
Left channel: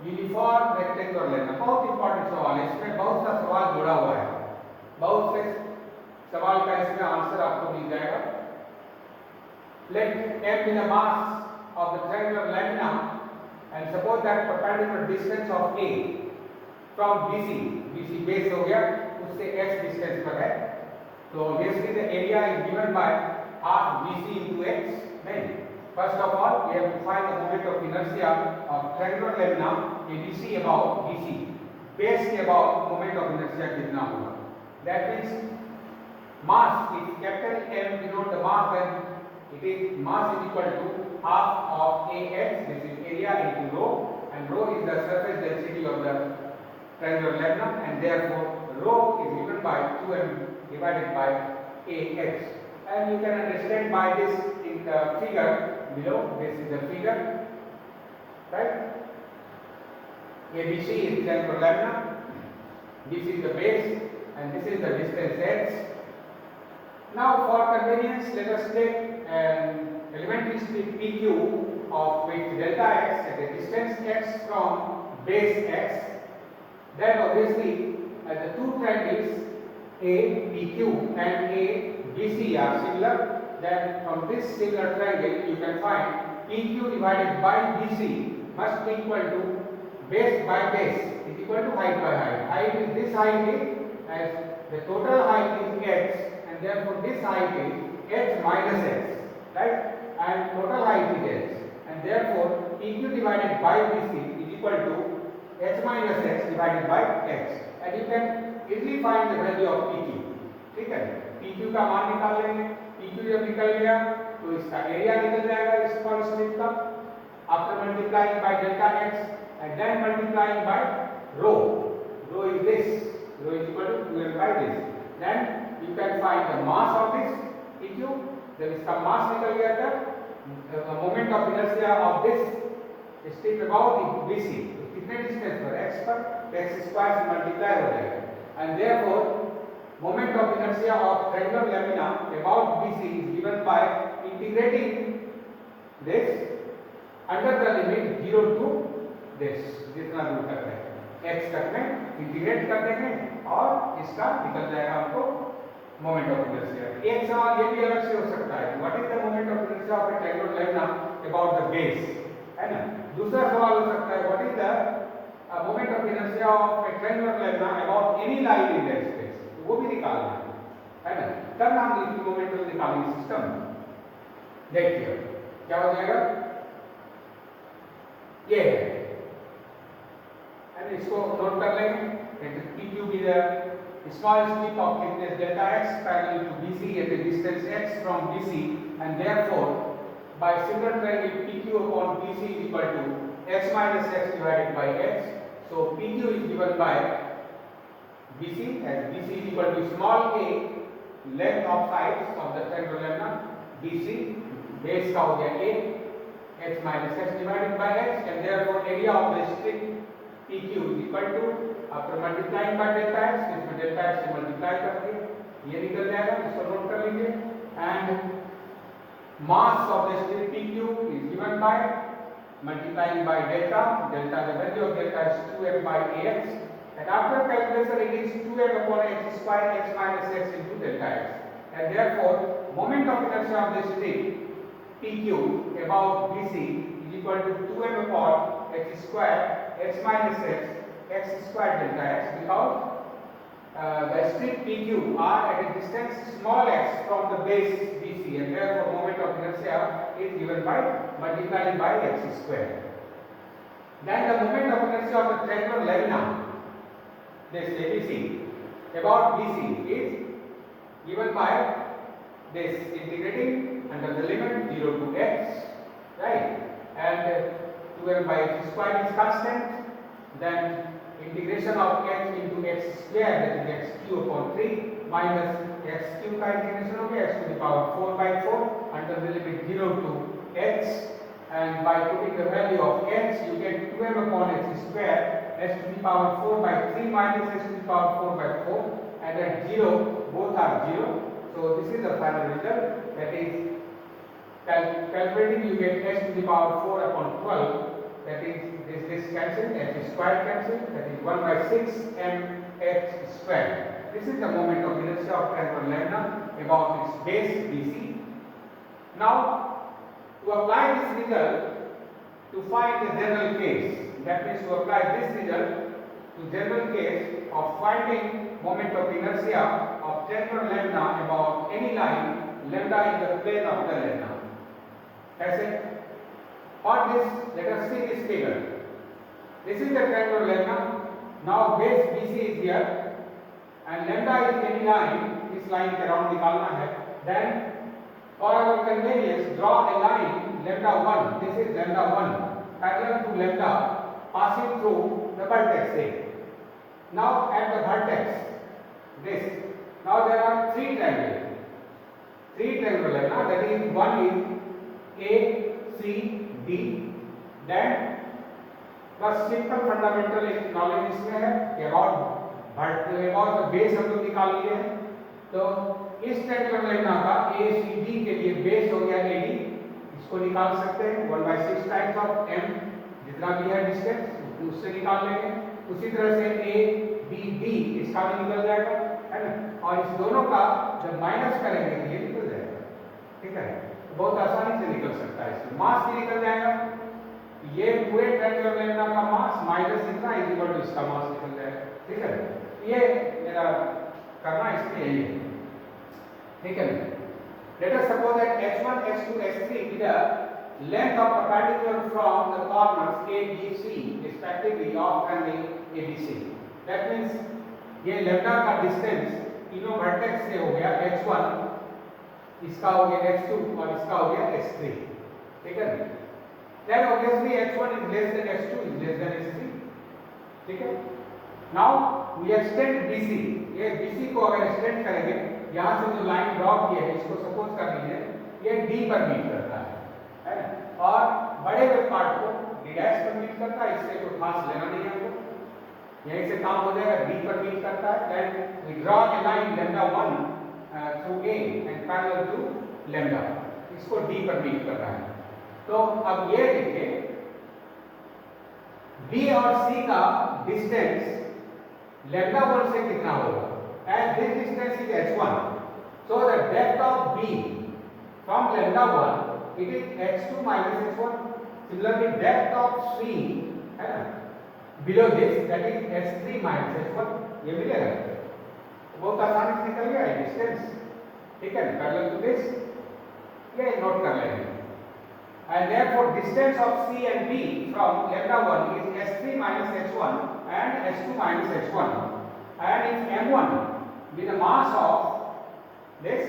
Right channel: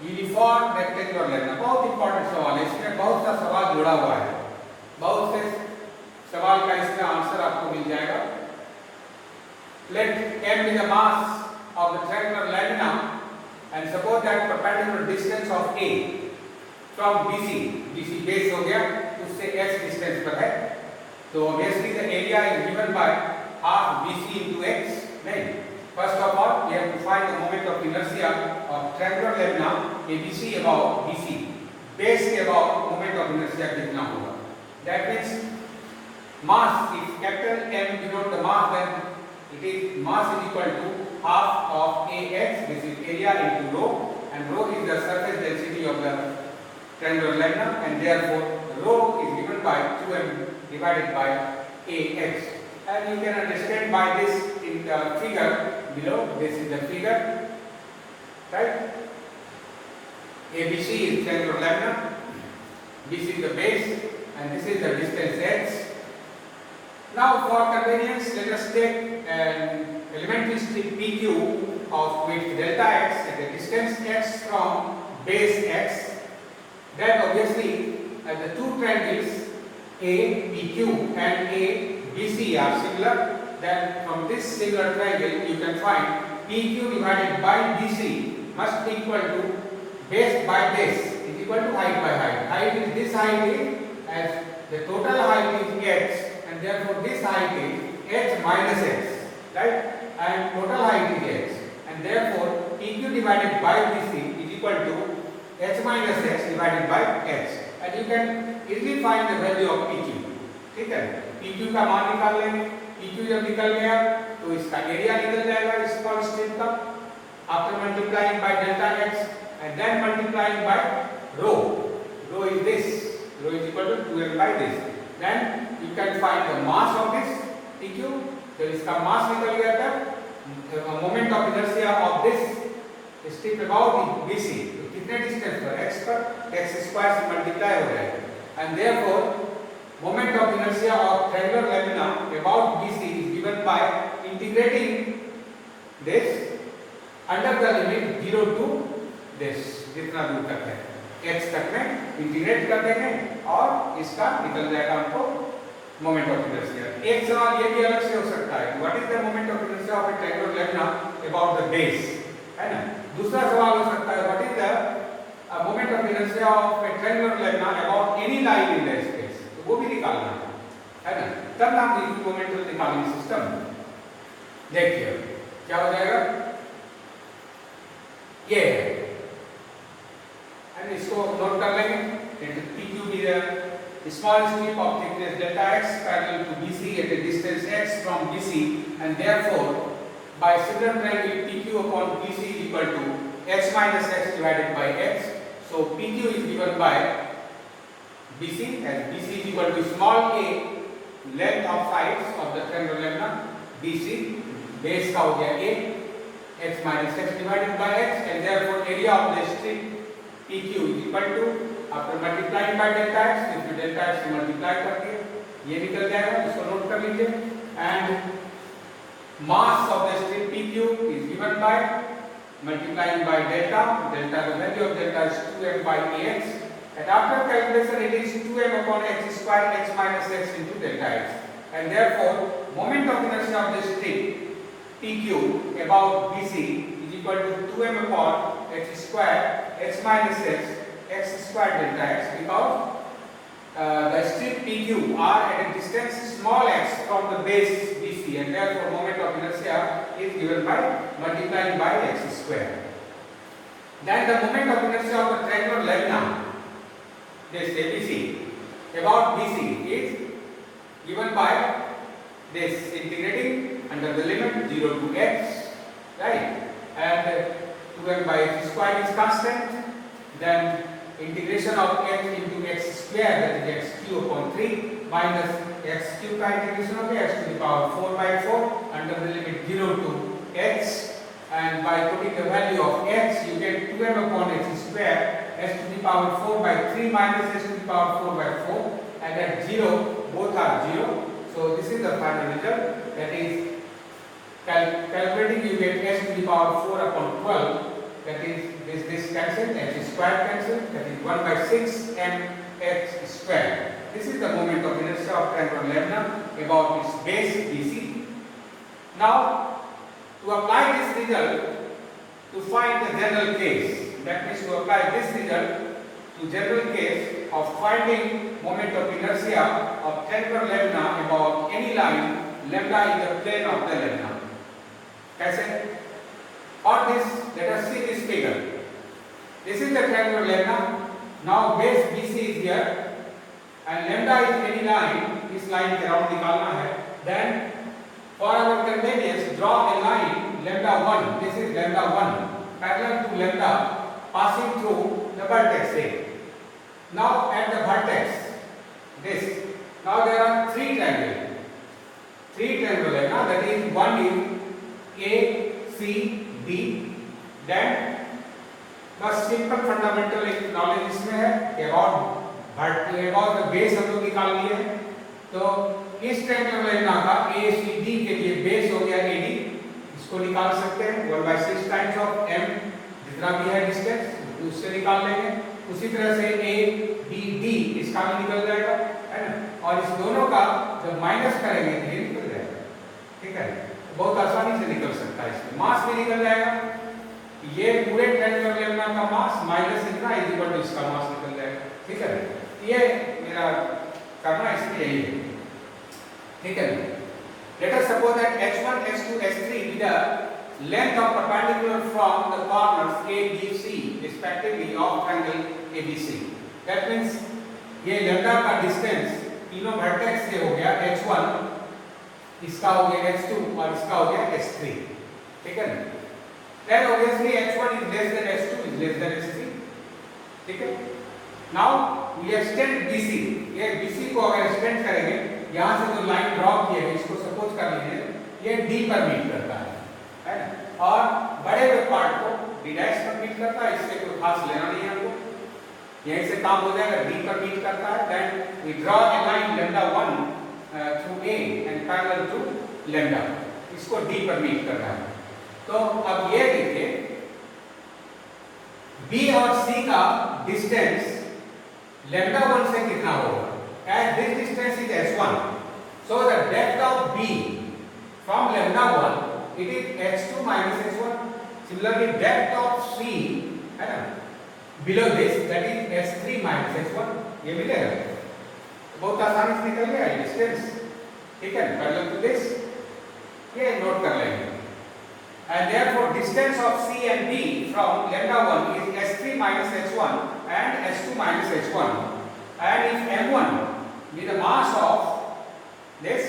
uniform rectangular लेना. बहुत important सवाल है, इसमें बहुत सा सवाल जुड़ा हुआ है, बहुत से सवाल का इसका आंसर आपको मिल जाएगा. Let m be the mass of the triangular lamina and suppose that perpendicular distance of A from BC base हो गया, उससे x डिस्टेंस पर है, तो obviously the area is given by half BC into x. नहीं, first of all we have to find the moment of inertia of triangular lamina ABC about BC. Base के about moment of inertia कितना होगा? That means mass, if capital M denote the mass, then it is mass is equal to half of AX, this is area, into rho, and rho is the surface density of the triangular lamina, and therefore rho is given by 2m divided by AX. And you can understand by this in the figure below. This is the figure, right? ABC is triangular lamina, BC is the base, and this is the distance x. Now for convenience, let us take an elementary strip PQ of width delta x at a distance x from base x. Then obviously the two triangles APQ and ABC are similar. Then from this similar triangle you can find PQ divided by BC must be equal to base by base is equal to height by height. Height is this height is, as the total height is h, and therefore this height is h minus x, right? And total height is h, and therefore PQ divided by BC is equal to h minus x divided by h, and you can easily find the value of PQ. ठीक है, PQ का मान निकाल लेंगे. PQ जब निकल गया तो इसका एरिया निकल जाएगा स्मॉल स्ट्रिप का, after multiplying by delta x and then multiplying by rho. Rho is this, rho is equal to 2m by this. Then you can find the mass of this PQ. जब इसका mass निकल गया तब moment of inertia of this strip about BC, तो कितने distance पर? x पर, x square से मल्टीप्लाई हो जाएगा, and therefore moment of inertia of triangular lamina about BC is given by integrating this under the limit 0 to this, जितना दूर तक है x तक में इंटीग्रेट कर देंगे और इसका निकल जाएगा हमको मोमेंट ऑफ इनर्शिया. एक सवाल ये भी अलग से हो सकता है, what is the moment of inertia of A triangular lamina about the base, है ना. दूसरा सवाल हो सकता है, what is the moment of inertia of A triangular lamina about any line in the space, तो वो भी निकालना है ना. तब हम इक्विमोमेंटल निकालेंगे सिस्टम. देखिए क्या हो जाएगा, ये एंड इसको नोट कर लेंगे. PQ be the small strip of thickness delta x parallel to BC at a distance x from BC, and therefore by similar triangle PQ upon BC is equal to h minus x divided by x. So PQ is given by BC, as BC is equal to small a length of sides of the triangle lambda BC, base का हो गया a, x minus x divided by x, and therefore area of the strip PQ is equal to, after multiplying by delta x, if you delta x से multiply करके ये निकल जाएगा, इसको note कर लीजिए, and mass of the strip PQ is given by multiplying by delta, the value of delta is 2m by ax, and after calculation it is 2m upon x square x minus x into delta x, and therefore moment of inertia of the strip PQ about BC is equal to 2m upon x square x minus x square delta x, because the strip PQ are at a distance small x from the base BC, and therefore moment of inertia is given by multiplying by x square. Then the moment of inertia of the triangular lambda, this ABC, about BC is given by this integrating under the limit 0 to x, right? And 2m by x square is constant. Then integration of x into x square, that is x cube upon 3 minus x cube का integration हो गया x to the power 4 by 4 under the limit 0 to x, and by putting the value of x you get 2m upon x square x to the power 4 by 3 minus x to the power 4 by 4, and at 0 both are 0. So this is the final result, that is calculating you get x to the power 4 upon 12, that is this cancelled, x square cancelled, that is 1 by 6 m x square. This is the moment of inertia of triangular lambda about its base BC. Now to apply this result to find the general case, that means to apply this result to general case of finding moment of inertia of triangular lambda about any line lambda in the plane of the lambda. कैसे? For this, let us see this figure. This is the triangular lambda. Now base BC is here, and lambda is any line. इस line के round निकालना है. Then for our convenience, draw a line lambda 1. This is lambda 1 parallel to lambda passing through the vertex A. Now at the vertex, this. Now there are three triangles. Three triangles lambda. That is one is A, C, D. Then बस simple fundamental एक knowledge इसमें है कि about the base हम लोग निकाल लिए हैं. तो इस ट्रायंगल लैम्डा का ACD के लिए बेस हो गया AD, इसको निकाल सकते हैं 1/6 टाइम्स ऑफ m जितना भी है डिस्टेंस उससे निकाल लेंगे. उसी तरह से ABD इसका भी निकल जाएगा, है ना, और इस दोनों का जब माइनस करेंगे तो ये निकल जाएगा. ठीक है, बहुत आसानी से निकल सकता है. इसमें मास भी निकल जाएगा. ये पूरे ट्रायंगल लैम्डा का मास माइनस इतना इज इक्वल टू इसका मास निकल जाएगा. ठीक है, ये मेरा करना इसमें यही है. ठीक है, let us suppose that h1 h2 h3 be the length of perpendicular from the corners a b c respectively of triangle abc. that means ये लैम्डा का डिस्टेंस तीनों वर्टेक्स से हो गया h1, इसका हो गया h2 और इसका हो गया h3. ठीक है, then obviously h1 is less than h2 is less than h3. ठीक है, now we extend bc. ये bc को अगर एक्सटेंड करेंगे, यहाँ से जो लाइन ड्रॉ किए है इसको सपोज कर लीजिए ये d पर मीट करता है ना, और बड़े हुए पार्ट को d' पर मीट करता है. इससे कोई खास लेना नहीं है हमको, यहीं से काम हो जाएगा. d पर मीट करता है. then we draw a line lambda 1 through a and parallel to lambda, इसको d पर मीट कर रहा है. तो अब ये देखिए b और c का डिस्टेंस lambda 1 से कितना होगा. as this distance is h1, so the depth of b from lambda 1 it is h2 minus h1. similarly depth of c है ना below this, that is h3 minus h1. ये मिलेगा, बहुत आसानी से निकल गया डिस्टेंस. ठीक है, पैरेलल टू दिस ये नोट कर लेंगे. and therefore distance of c and b from lambda 1 is h3 minus h1 and h2 minus h1. and if m1 be the mass of this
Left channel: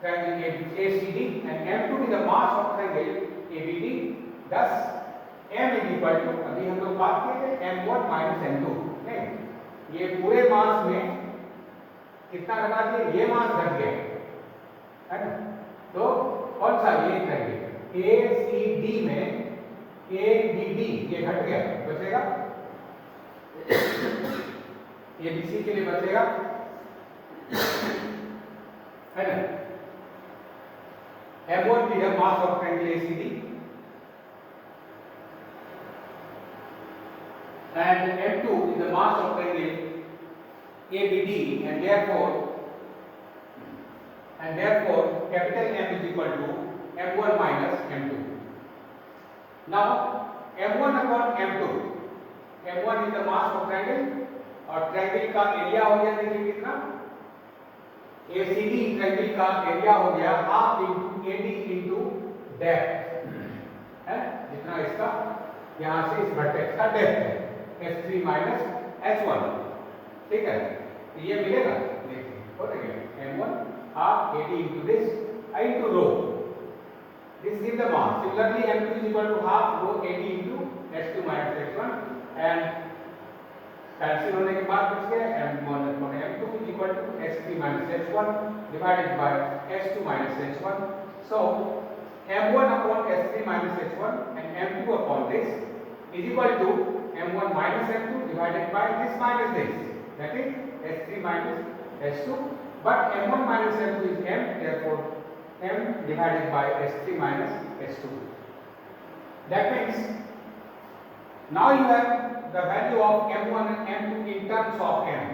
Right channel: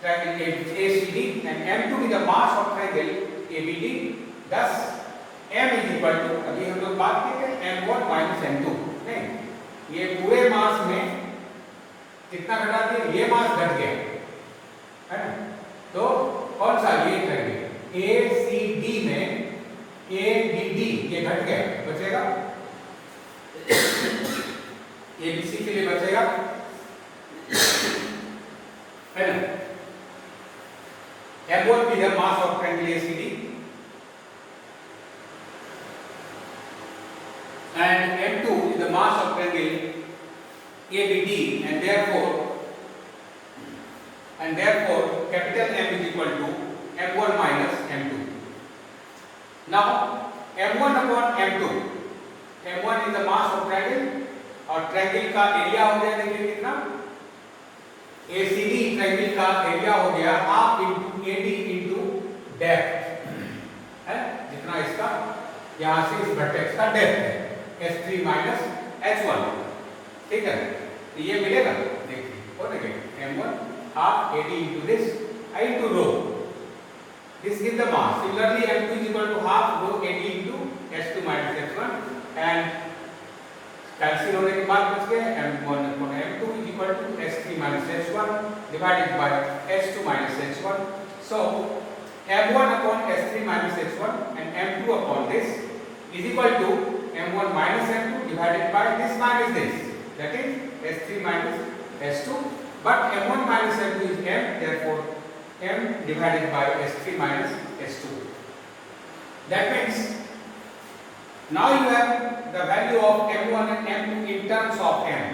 triangle ACD and m2 be the mass of triangle ABD, thus m is equal to, अभी हम लोग बात किए थे m1 minus m2, नहीं, ये पूरे मास में कितना घटा दिया, ये मास घट गया है ना, तो कौन सा ये घट गया, ए सी डी में ए बी डी ये घट गया, बचेगा ए बी सी के लिए बचेगा है ना, m1 is the mass of triangle ACD and m2 is the mass of triangle ABD, and therefore capital M is equal to m1 minus m2. Now m1 upon m2, m1 is the mass of triangle और triangle का area हो गया, देखिए कितना, ACD triangle का area हो गया half into AD into depth है, जितना इसका यहां से इस वर्टेक्स का डेप्थ है S3 माइनस H1, ठीक है, तो ये मिलेगा, देखिए हो गया m1 half AD into this into rho, this gives the mass. Similarly m2 is equal to half rho AD into S2 minus H1, and cancel होने के बाद बच गया m1 upon m2 is equal to S3 minus H1 divided by S2 minus H1. So m1 upon S3 minus H1 and m2 upon this is equal to m1 minus m2 divided by this minus this, that is S3 minus S2, but m1 minus m2 is m, therefore m divided by S3 minus S2. That means now you have the value of m1 and m2 in terms of m.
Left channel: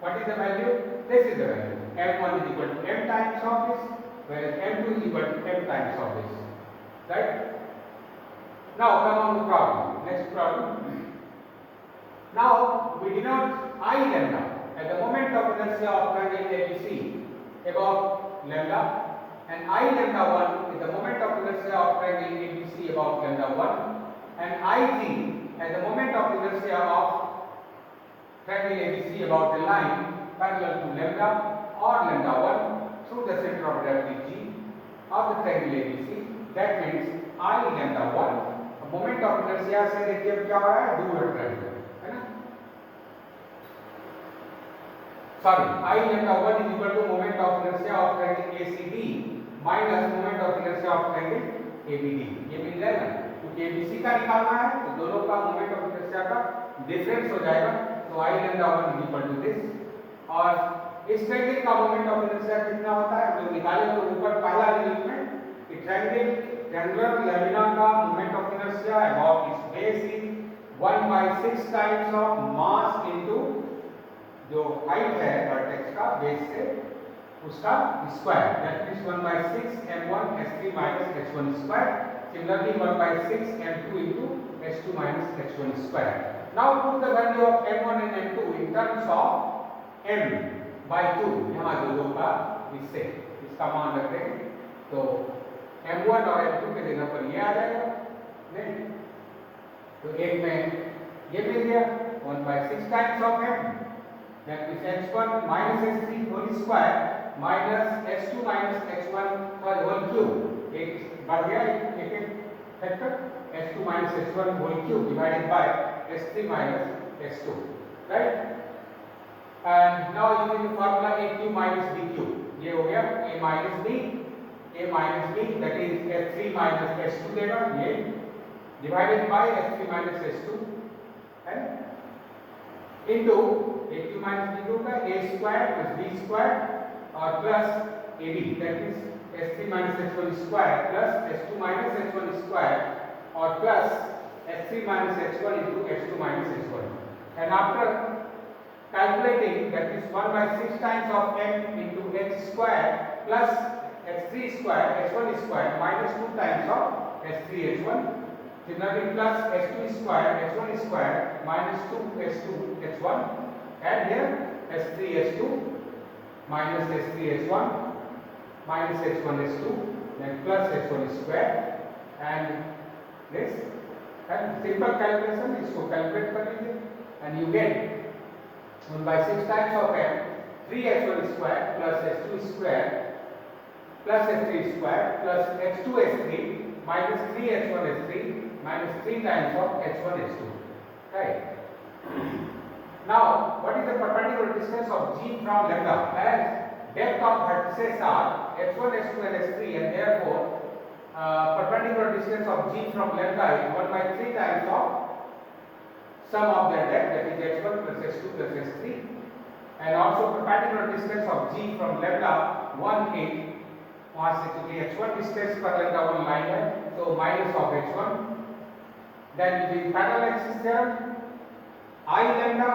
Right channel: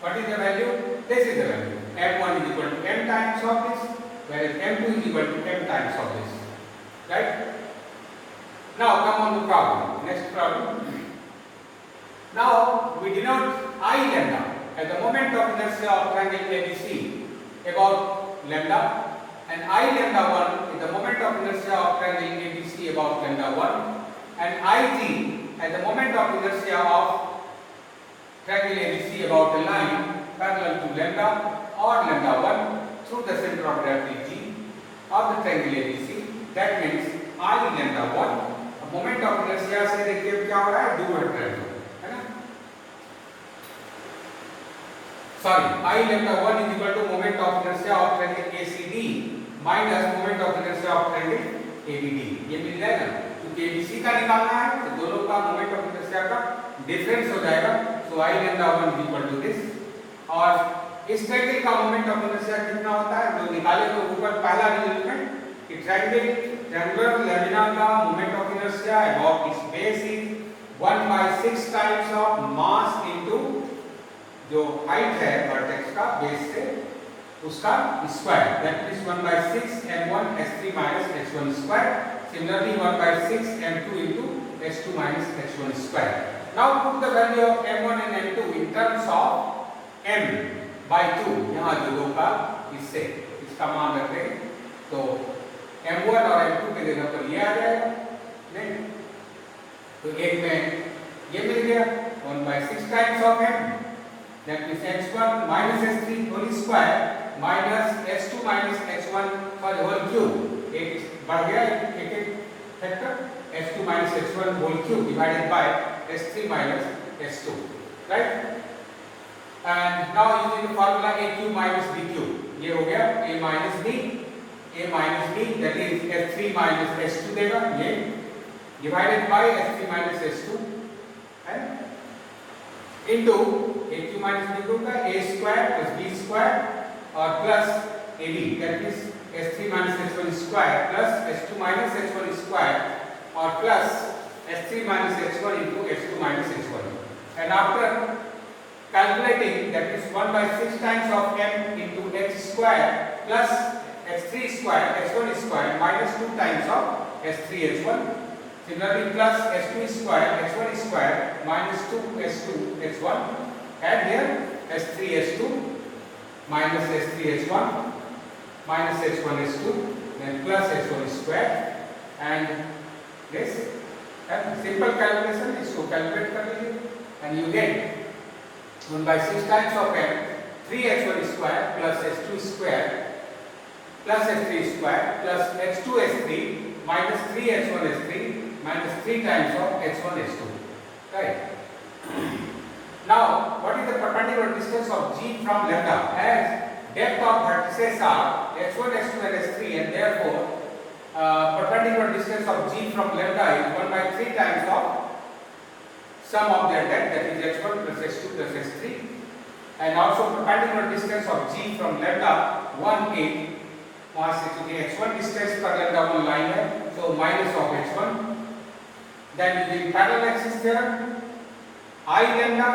What is the value? This is the value. m1 is equal to m times of this, whereas m2 is equal to m times of this. Right? Now come on to problem. Next problem. Now we denote I lambda at the moment of inertia of triangle ABC about lambda, and I lambda 1 is the moment of inertia of triangle ABC about lambda 1, and Ig at the moment of inertia of triangle ABC about a line parallel to lambda or lambda 1 through the center of gravity G of the triangle ABC. That means I lambda 1, moment of inertia से देखिए क्या हो रहा है, दूर हट रहा है ना, sorry, I lambda 1 is equal to moment of inertia of triangle ACD minus moment of inertia of triangle ABD, ये मिल जाएगा, क्योंकि ABC का निकालना है तो दोनों का मोमेंट ऑफ इनर्शिया का डिफरेंस हो जाएगा, सो I lambda 1 is equal to this, और इस ट्रायंगल का मोमेंट ऑफ इनर्शिया कितना होता है, जो निकाले तो ऊपर पहला रिजल्ट में कि ट्रायंगुलर लैमिना का moment of inertia about it's base is 1/6 times of mass into जो हाइट है वर्टेक्स का बेस से उसका square, that is 1/6 m1 s3 minus h1 square. Similarly 1/6 m2 into s2 minus h1 square. Now put the value of m1 and m2 in terms of m by 2, यहाँ जो दो का इससे इसका मान रखते हैं तो m1 और m2 के जगह पर ये आ जाएगा, नहीं तो एक में ये मिल गया 1/6 times of m, that is h1 minus s3 whole square minus s2 minus h1 for whole cube, एक बढ़ गया एक factor s2 minus h1 whole cube divided by s3 minus s2, right? And now using the formula a cube minus b cube, ये हो गया a minus b, that is s3 minus s2 देगा ये divided by s3 minus s2 and into a cube minus b cube का a square plus b square और plus ab, that is s3 minus h1 square plus s2 minus h1 square or plus s3 minus h1 into s2 minus h1, and after calculating, that is 1/6 times of m into h square plus h3 square h1 square minus 2 times of s3 h1, similarly plus s2 square h1 square minus 2 s2 h1, and here s3 h2 minus s3 h1 minus h1 h2, then plus h1 square, and this, and simple calculation इसको calculate कर लीजिए and you get 1/6 times of m 3h1 square plus h2 square plus h3 square plus h2 h3 minus 3h1 h3 minus 3 times of h1 h2, right? Now, what is the perpendicular distance of G from lambda? As depth of vertices are h1, h2 and h3, and therefore perpendicular distance of G from lambda is 1 by 3 times of sum of their depth, that is h1 plus h2 plus h3, and also perpendicular distance of G from lambda 1 is वहां से क्योंकि h1 distance पर lambda 1 line है, so minus of h1. Then using parallel axis theorem, I lambda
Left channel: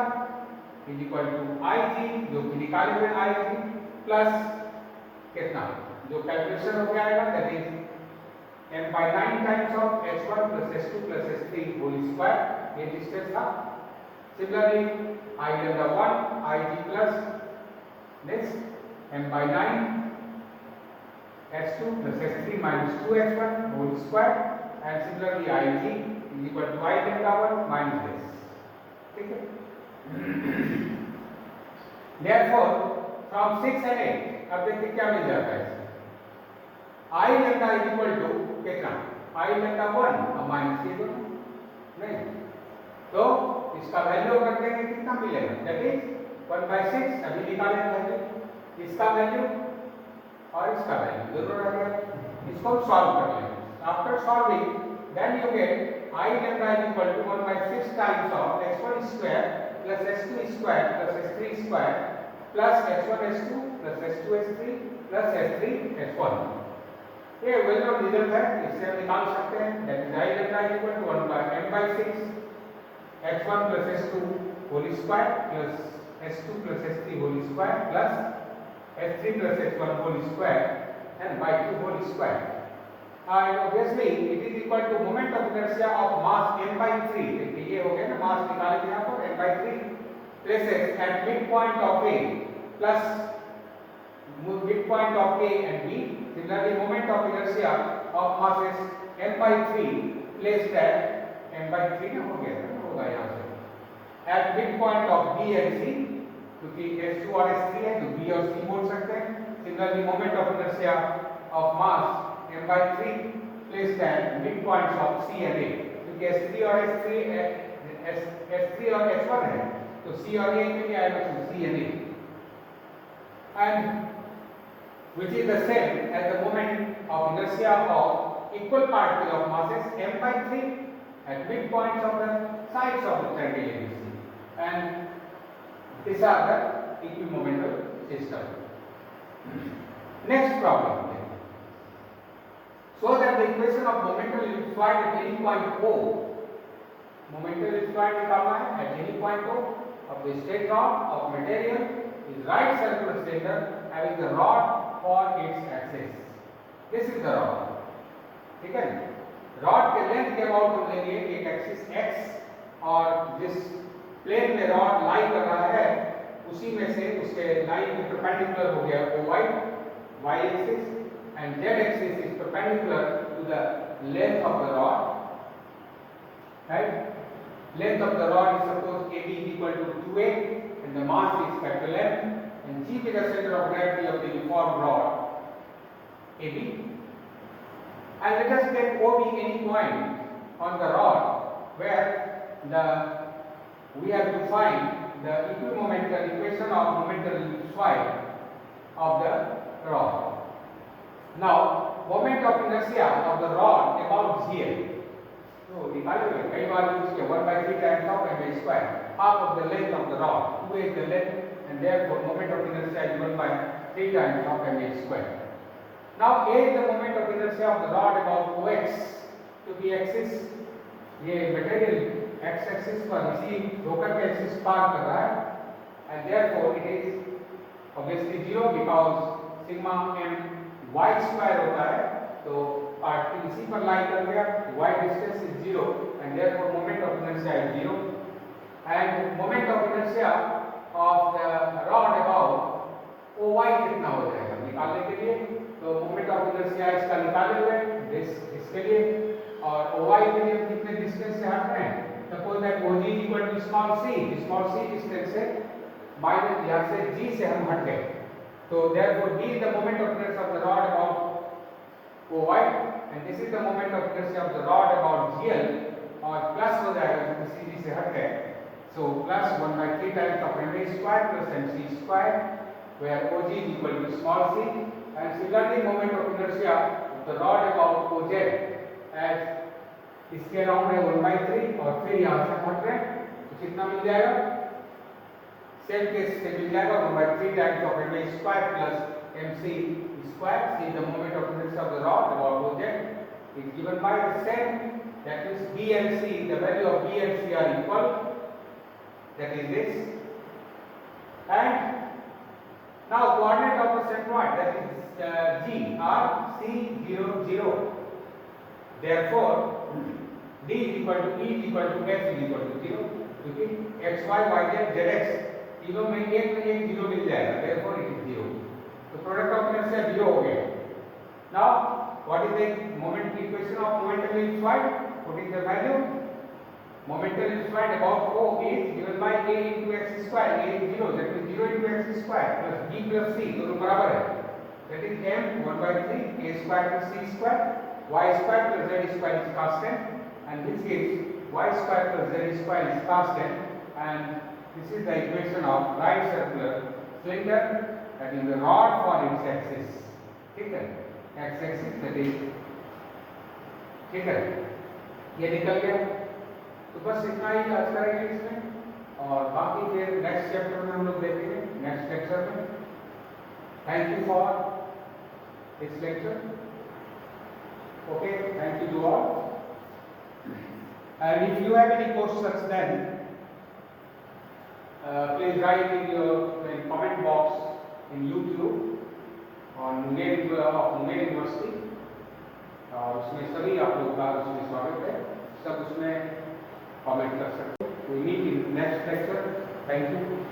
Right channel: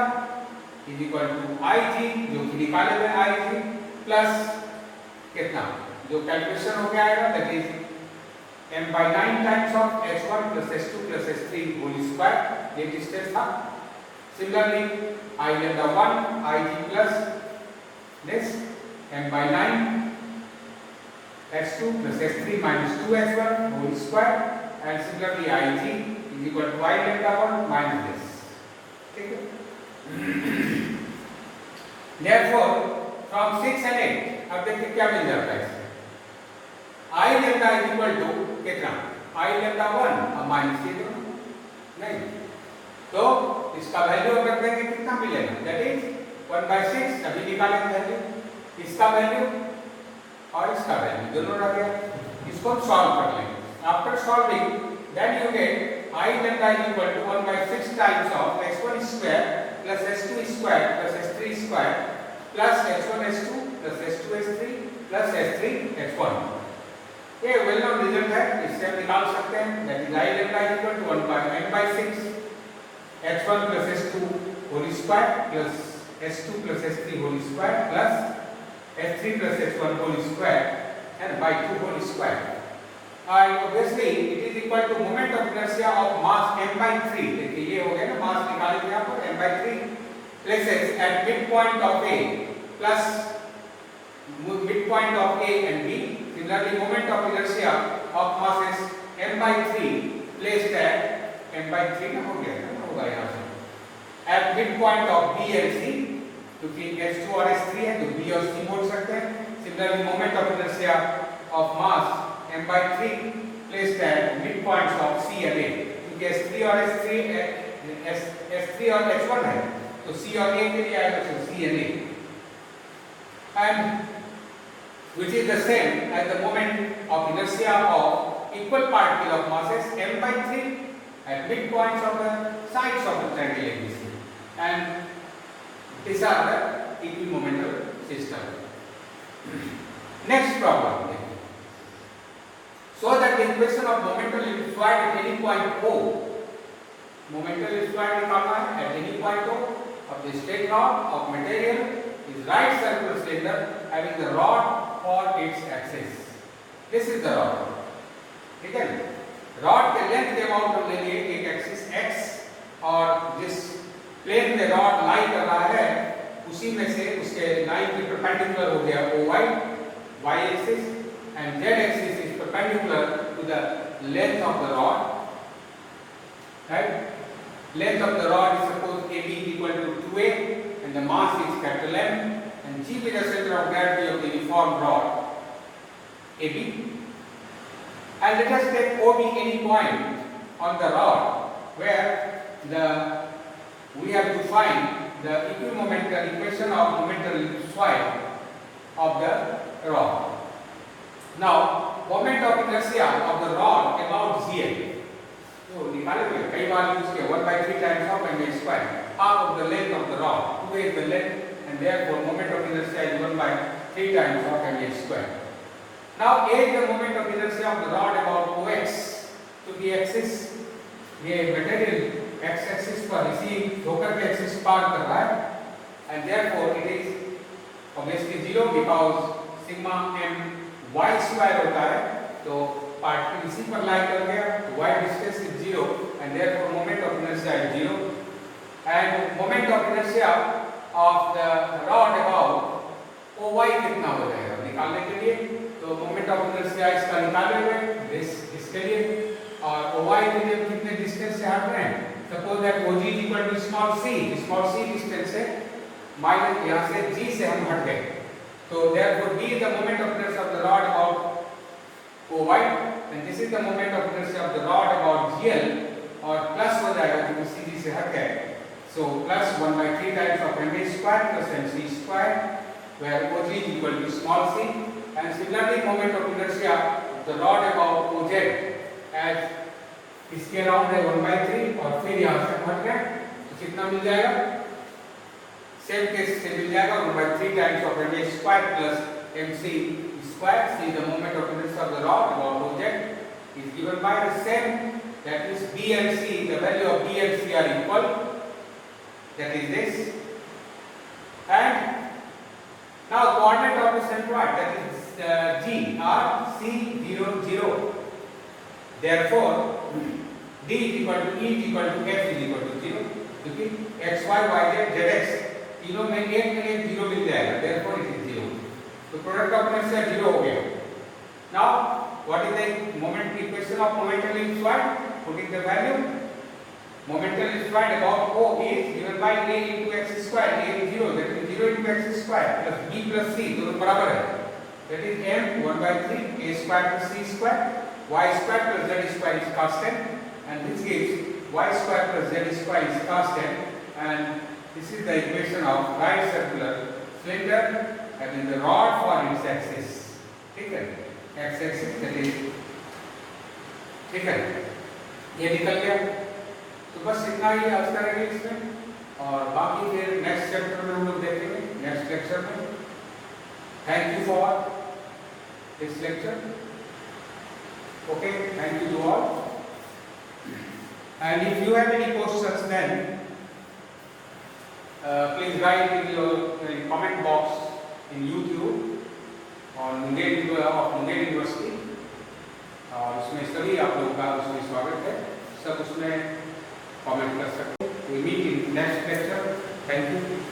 is equal to Ig, जो कि निकाले हुए Ig plus कितना जो कैलकुलेशन हो गया आएगा, that is m by 9 times of h1 plus h2 plus h3 whole square, ये डिस्टेंस था. Similarly, I lambda 1 Ig plus this m by 9 h2 plus h3 minus 2h1 whole square, and similarly Ig is equal to I lambda 1 minus this. ठीक है. Therefore, from 6 and 8 अब देखिए क्या मिल जाता है इसमें. I lambda is equal to कितना? I lambda 1 और माइनस ये दोनों नहीं, तो इसका वैल्यू रख देंगे कितना मिलेगा, that is 1 by 6 अभी निकाले वैल्यू, इसका वैल्यू और इसका वैल्यू दोनों रख गया. इसको हम सॉल्व कर लेंगे. After solving then you get I lambda is equal to 1 by 6 times of h1 square plus h2 square plus h3 square plus h1 h2 plus h2 h3 plus h3 h1. ये well known result है, इससे हम निकाल सकते हैं, that is I lambda is equal to 1 by m by 6 h1 plus h2 whole square plus h2 plus h3 whole square plus h3 plus h1 whole square and by 2 whole square. And obviously it is equal to moment of inertia of mass m by 3. देखिए ये हो गया ना, मास निकाले थे यहाँ पर m by 3 places at midpoint of A plus midpoint of A and B. Similarly, moment of inertia of masses m by 3 placed at m by 3 ना हो गया ना, होगा यहाँ से at midpoint of B and C, क्योंकि h2 और h3 है तो B और C बोल सकते हैं. Similarly, moment of inertia of mass m by 3 placed at midpoints of C and A, क्योंकि S3 और S3 और H1 है तो C और A के लिए आएगा तो C and A, and which is the same as the moment of inertia of equal particle of masses m by 3 at midpoints of the sides of the triangle ABC, and these are the equimomental system. Next problem. So that the equation of momental fluid at any point O, momental fluid निकालना है at any point O of the straight rod of material is right circular cylinder having the rod for its axis. This is the rod. ठीक है, rod के length के about हम लेंगे एक axis x और जिस प्लेन में rod लाई कर रहा है उसी में से उसके लाइन के परपेंडिकुलर हो गया OY, y axis, and z axis is perpendicular to the length of the rod, right? Length of the rod is suppose AB is equal to 2A and the mass is capital M, and G is the center of gravity of the uniform rod AB. And let us take OB any point on the rod where we have to find the equimomental equation of momental fluid of the rod. Now, moment of inertia of the rod about ZL. So, निकाले हुए कई बार use किया 1 by 3 times of m square, half of the length of the rod, 2 is the length, and therefore moment of inertia is 1 by 3 times of m square. Now, A is the moment of inertia of the rod about OX, to the axis, ये material x axis पर इसी होकर के axis पार कर रहा है, and therefore it is obviously 0 because sigma m y square होता है, तो पार्टिकल इसी पर लाई कर गया, y distance is 0 and therefore moment of inertia is 0, and moment of inertia of the rod about OY कितना हो जाएगा निकालने के लिए, तो moment of inertia इसका निकाले हुए इसके लिए, और OY के लिए कितने डिस्टेंस से हट रहे हैं, suppose that OG is equal to small c distance से माइनस यहाँ से G से हम हट गए, तो therefore D is the moment of inertia of the rod about OY, and this is the moment of inertia of the rod about GL, और plus हो जाएगा क्योंकि सीधी से हट है, so plus 1 by 3 times of ma square plus mc square, where OG is equal to small c, and similarly moment of inertia of the rod about OZ as इसके around है 1 by 3 और फिर यहाँ से हट रहे हैं तो कितना मिल जाएगा, सेम केस से मिल जाएगा 1 by 3 times of ma square plus mc square. See the moment of inertia of the rod about OZ is given by the same, that means B and C, the value of B and C are equal, that is this, and now coordinate of the centroid, that is G are C 0 0. Therefore D is equal to E is equal to F is equal to 0, क्योंकि x y y z z x तीनों में एक 0 मिल जाएगा, therefore it is 0. तो product of inertia 0 हो गया. Now what is the moment equation of momentum in flight? Putting the value, momentum in flight about O is given by a into x square, a is 0, that is 0 into x square plus b plus c, दोनों बराबर है, that is m 1 by 3 a square plus c square, y square plus z square is constant, and this gives y square plus z square is constant, and this is the equation of right circular cylinder, that is the rod for its axis. ठीक है, x axis that is, ठीक है, ये निकल गया. तो बस इतना ही आज करेंगे इसमें, और बाकी फिर नेक्स्ट चैप्टर में हम लोग देखेंगे नेक्स्ट लेक्चर में. Thank you for this lecture. Okay, thank you to all. And if you have any questions, then please write in your comment box in YouTube on Munger of Munger University. और उसमें सभी आप लोगों का उसमें स्वागत है, सब उसमें कमेंट कर सकते हैं. We meet in next lecture. Thank you.